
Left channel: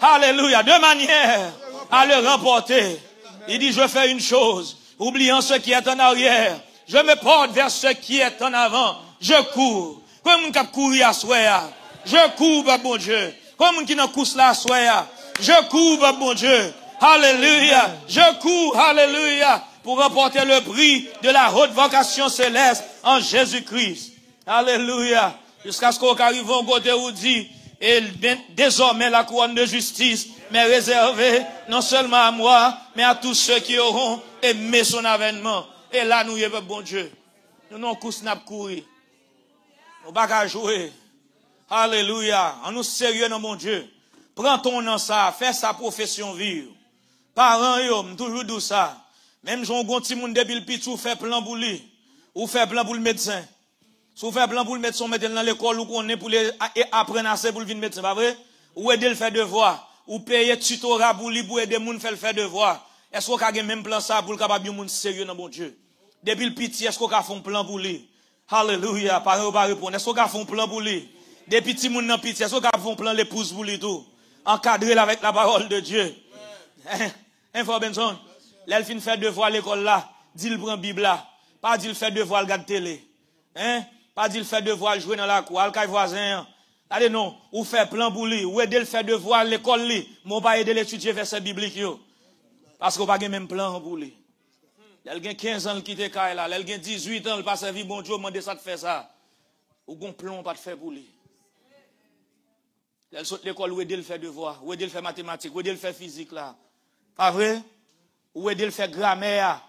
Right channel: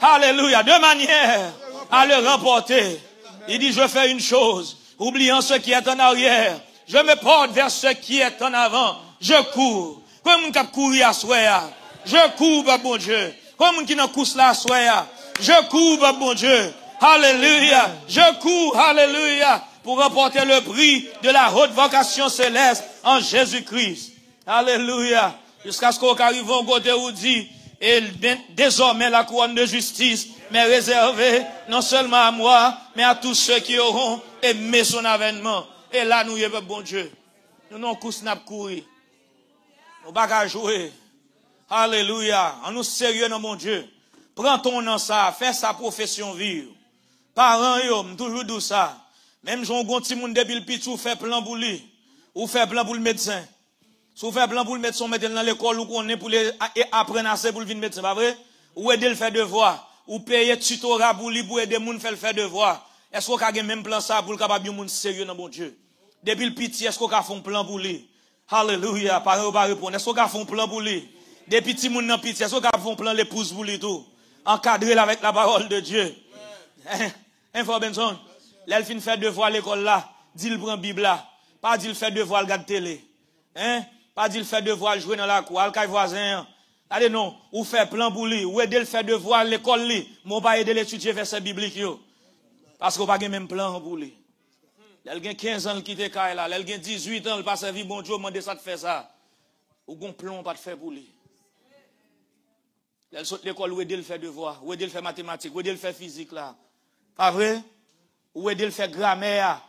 Alléluia. De manière à le remporter. Il dit je fais une chose. Oubliant ce qui est en arrière. Je me porte vers ce qui est en avant. Je cours. Comme un cap courir à soya. Je cours, bon Dieu. Comme un qui n'a course là à soya. Je cours, bon Dieu. Alléluia. Je cours, alléluia, pour remporter le prix de la haute vocation céleste en Jésus-Christ. Alléluia. Jusqu'à ce qu'on arrive au côté où dit, et désormais la couronne de justice m'est réservée non seulement à moi, mais à tous ceux qui auront aimé son avènement. Et là, nous y avons bon Dieu. Nous n'avons pas courir. Nous n'avons pas jouer. Alléluia. En nous sérieux dans mon Dieu. Prends ton nom ça, fais sa profession vivre. Parents, yo, toujours d'où ça. Même si on a un petit monde depuis le petit, ou fait plan pour lui, ou fait plan pour le médecin. Si vous faites plan pour le médecin, mettez dans l'école, ou qu'on est pour apprendre assez pour le venir médecin, pas vrai? Ou aider le faire devoir, ou payer tutorat pour lui, pour aider le monde faire le faire devoir. Est-ce qu'on a même plan ça pour le capable de monde sérieux dans mon Dieu? Depuis le petit, est-ce qu'on a fait un plan pour lui? Alléluia, parents, pas répondre. Est-ce qu'on a fait un plan pour lui? Des petits monde dans petit, est-ce qu'on a fait un plan l'épouse pour lui tout? Encadré avec la parole de Dieu. Hein, frère Benson? Là, il finit faire devoir à l'école là. Dit il prend Bible là. Pas dit il fait devoir le regarder télé. Hein? Pas dit il fait devoir jouer dans la cour. Al kay voisin. Allez non. Ou fait plan pour lui. Ou aider le faire devoir à l'école lui. Mon pas aider l'étudier verset biblique yo. Parce qu'on pas même plan pour lui. Là, il a 15 ans qui te caille là. Là, il a 18 ans, il pas servi bon Dieu, demande ça de faire ça. Ou gon plan pas de faire pour lui. Là, il saute l'école, ou aider le faire devoir, ou aider le faire mathématiques, ou aider le faire physique là. Pas vrai? Ou aider le faire grammaire.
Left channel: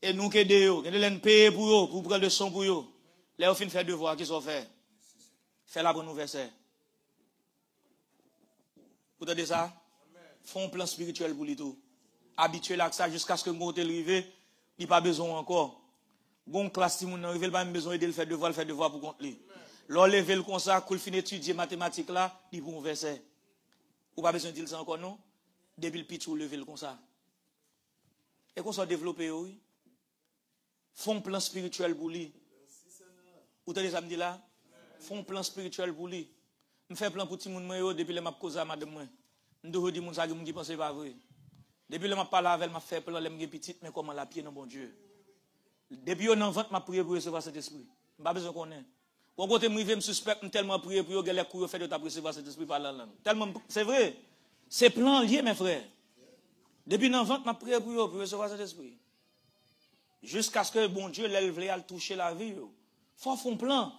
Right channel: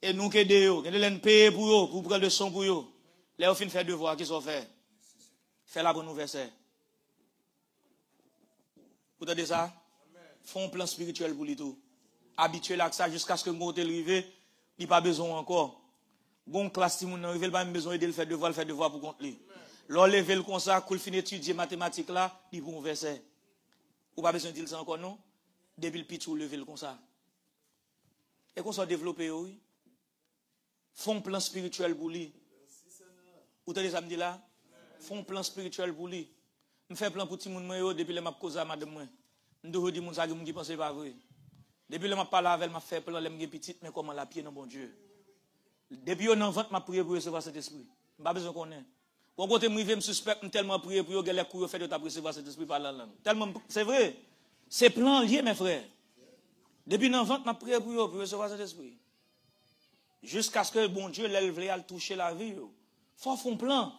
Et nous qui aidons, nous allons payer pour eux, pour prendre le son pour eux. Là, on finit faire devoir, qu'est-ce qu'on fait? Fait la bonne verset. Vous entendez ça? Font un plan spirituel pour lui tout. Habitué là que ça jusqu'à ce que mon hôtel arrive, il pas besoin encore. Bon classe si mon arrive, il pas besoin de le faire devoir pour compte lui. L'on lever le comme ça, quand il finit d'étudier mathématiques là, il pour un verset. Ou pas besoin de dire ça encore non? Depuis le pitch ou lever le comme ça. Et qu'on soit développé oui. Font un plan spirituel pour lui. Vous avez ça me dit là? Font un plan spirituel pour lui. Je fais plan pour tout le monde depuis le m'a causé à madame moi. Je dois dire mon ça qui pense pas vrai. Depuis le m'a parlé avec m'a fait plan les petite mais comment la pied dans bon Dieu. Depuis on en vente m'a prié pour recevoir cet esprit. Pas besoin qu'on ait. Au côté moi je me suspecte tellement prier pour que les coups fait de recevoir cet esprit par la langue. Tellement c'est vrai. C'est plan lié mes frères. Depuis l'en vente m'a prié pour recevoir cet esprit. Jusqu'à ce que bon Dieu l'élève à le toucher la vie. Faut faire un plan.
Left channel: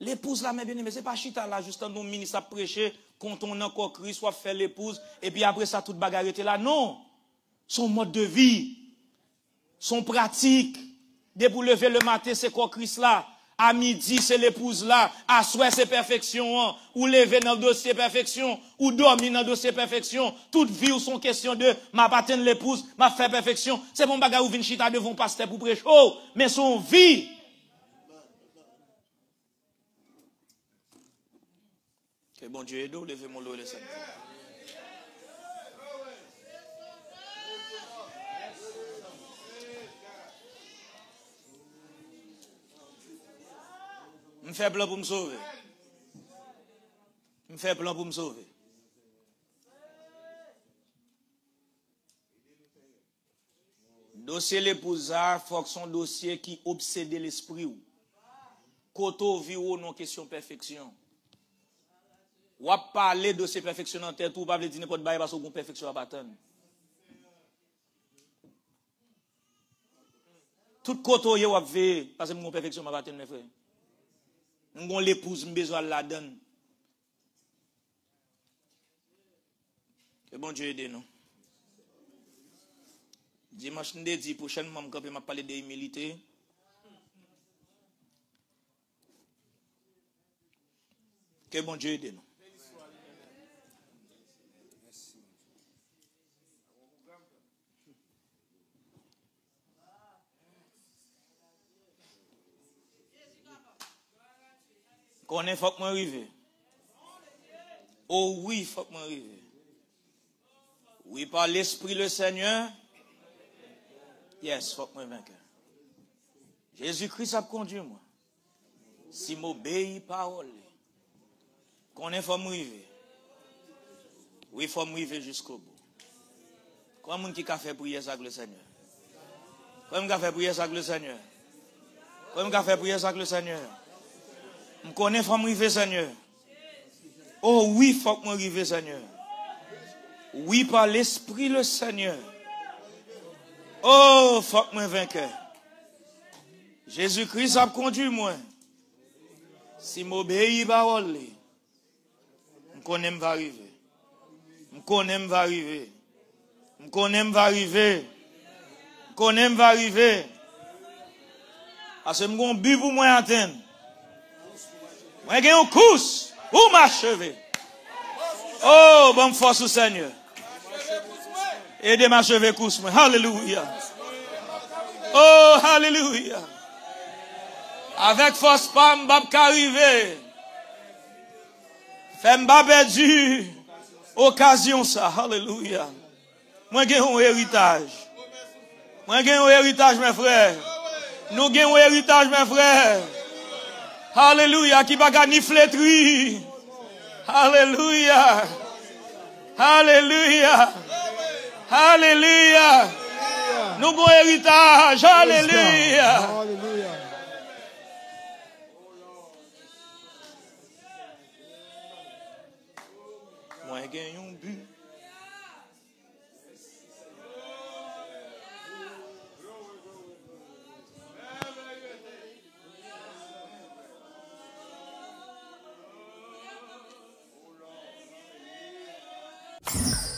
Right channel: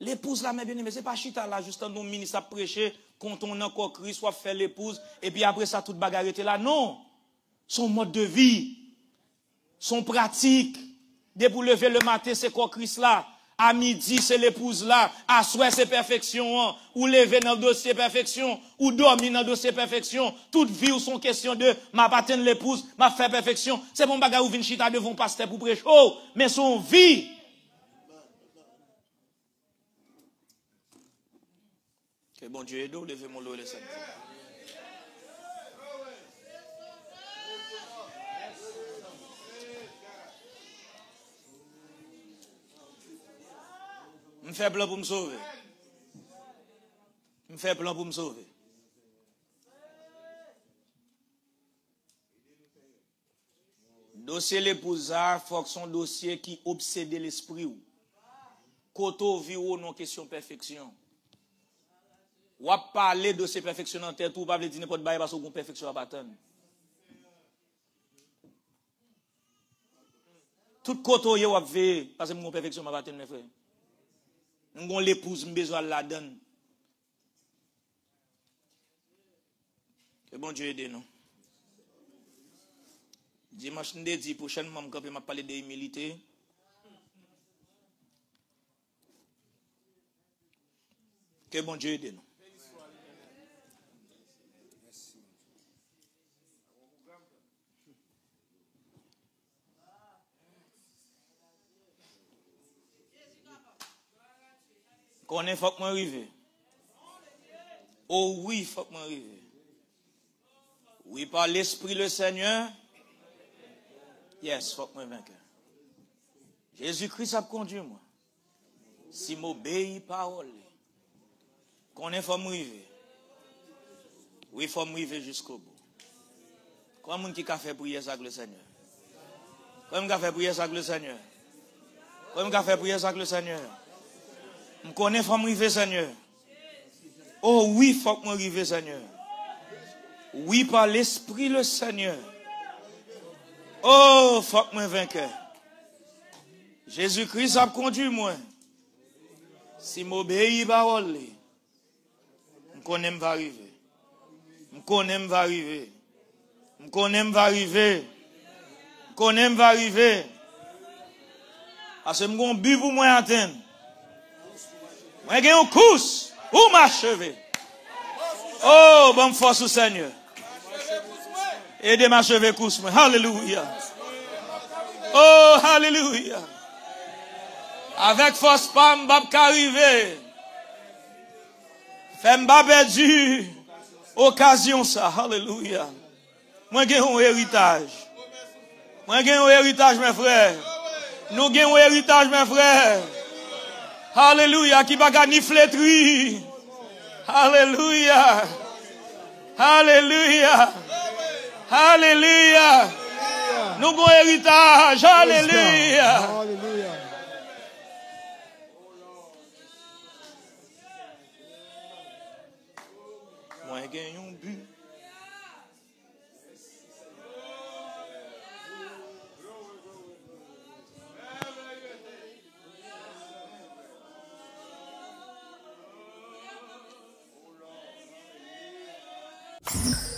L'épouse là, mais bien, mais c'est pas chita là, juste un ministre à prêcher, quand on a encore Christ, soit faire l'épouse, et puis après ça, toute bagarre était là. Non. Son mode de vie, son pratique, dès pour lever le matin, c'est quoi Christ là? À midi, c'est l'épouse là. À soir, c'est perfection. Hein. Ou lever dans le dossier perfection. Ou dormir dans le dossier perfection. Toute vie ou son question de ma patine l'épouse, ma fait perfection. C'est bon bagarre ou vin chita devant pasteur pour prêcher. Oh, mais son vie. Que bon Dieu aide, levez mon lot, laissez. Je fais plan pour me sauver. Je fais plan pour me sauver. Dossier l'épouse, faut que son dossier qui obsède l'esprit. Koto vit ou non question perfection. Ou à parler de ces perfections en tête, ou pas dire n'importe quoi parce qu'on perfection à baptême. Tout koto yo a veillé parce que mon perfection à baptême ne fait. Nous avons l'épouse, nous besoin de la donne. Que bon Dieu aide nous. Dimanche, nous dit prochainement, je vais parler de l'humilité. Que bon Dieu aide nous. Qu'on est, faut que m'arrive. Oh oui, faut que m'arrive. Oui, par l'Esprit le Seigneur. Yes, faut que m'arrive. Jésus-Christ a conduit moi. Si m'obéis parole. Qu'on est, faut m'arrive. Oui, faut m'arrive jusqu'au bout. Comment qui a fait prier ça avec le Seigneur? Comment qui a fait prier ça avec le Seigneur? Comment qui a fait prier ça avec le Seigneur? Je connais, faut m'arriver, Seigneur. Oh oui, faut que m'arrive, Seigneur. Oui, par l'Esprit le Seigneur. Oh, faut que m'arrive. Jésus-Christ a conduit moi. Si m'obéis parole, je connais, va arriver. Je connais, va arriver. Je connais, va arriver. Je connais, va arriver. Parce que mon but pour moi atteindre. Mais il y a une course. Où m'achever? Oh, bonne force au Seigneur. Aidez m'achever course. Alléluia. Oh, alléluia. Avec force, pas m'bap arriver. Fait m'bap perdu. Occasion ça. Alléluia. Moi, j'ai un héritage. Moi, j'ai un héritage, mes frères. Nous avons un héritage, mes frères. Alléluia, qui va gagner flétri. Alléluia. Alléluia. Alléluia. Nous avons un héritage. Alléluia. Alléluia. Moi, j'ai un but. you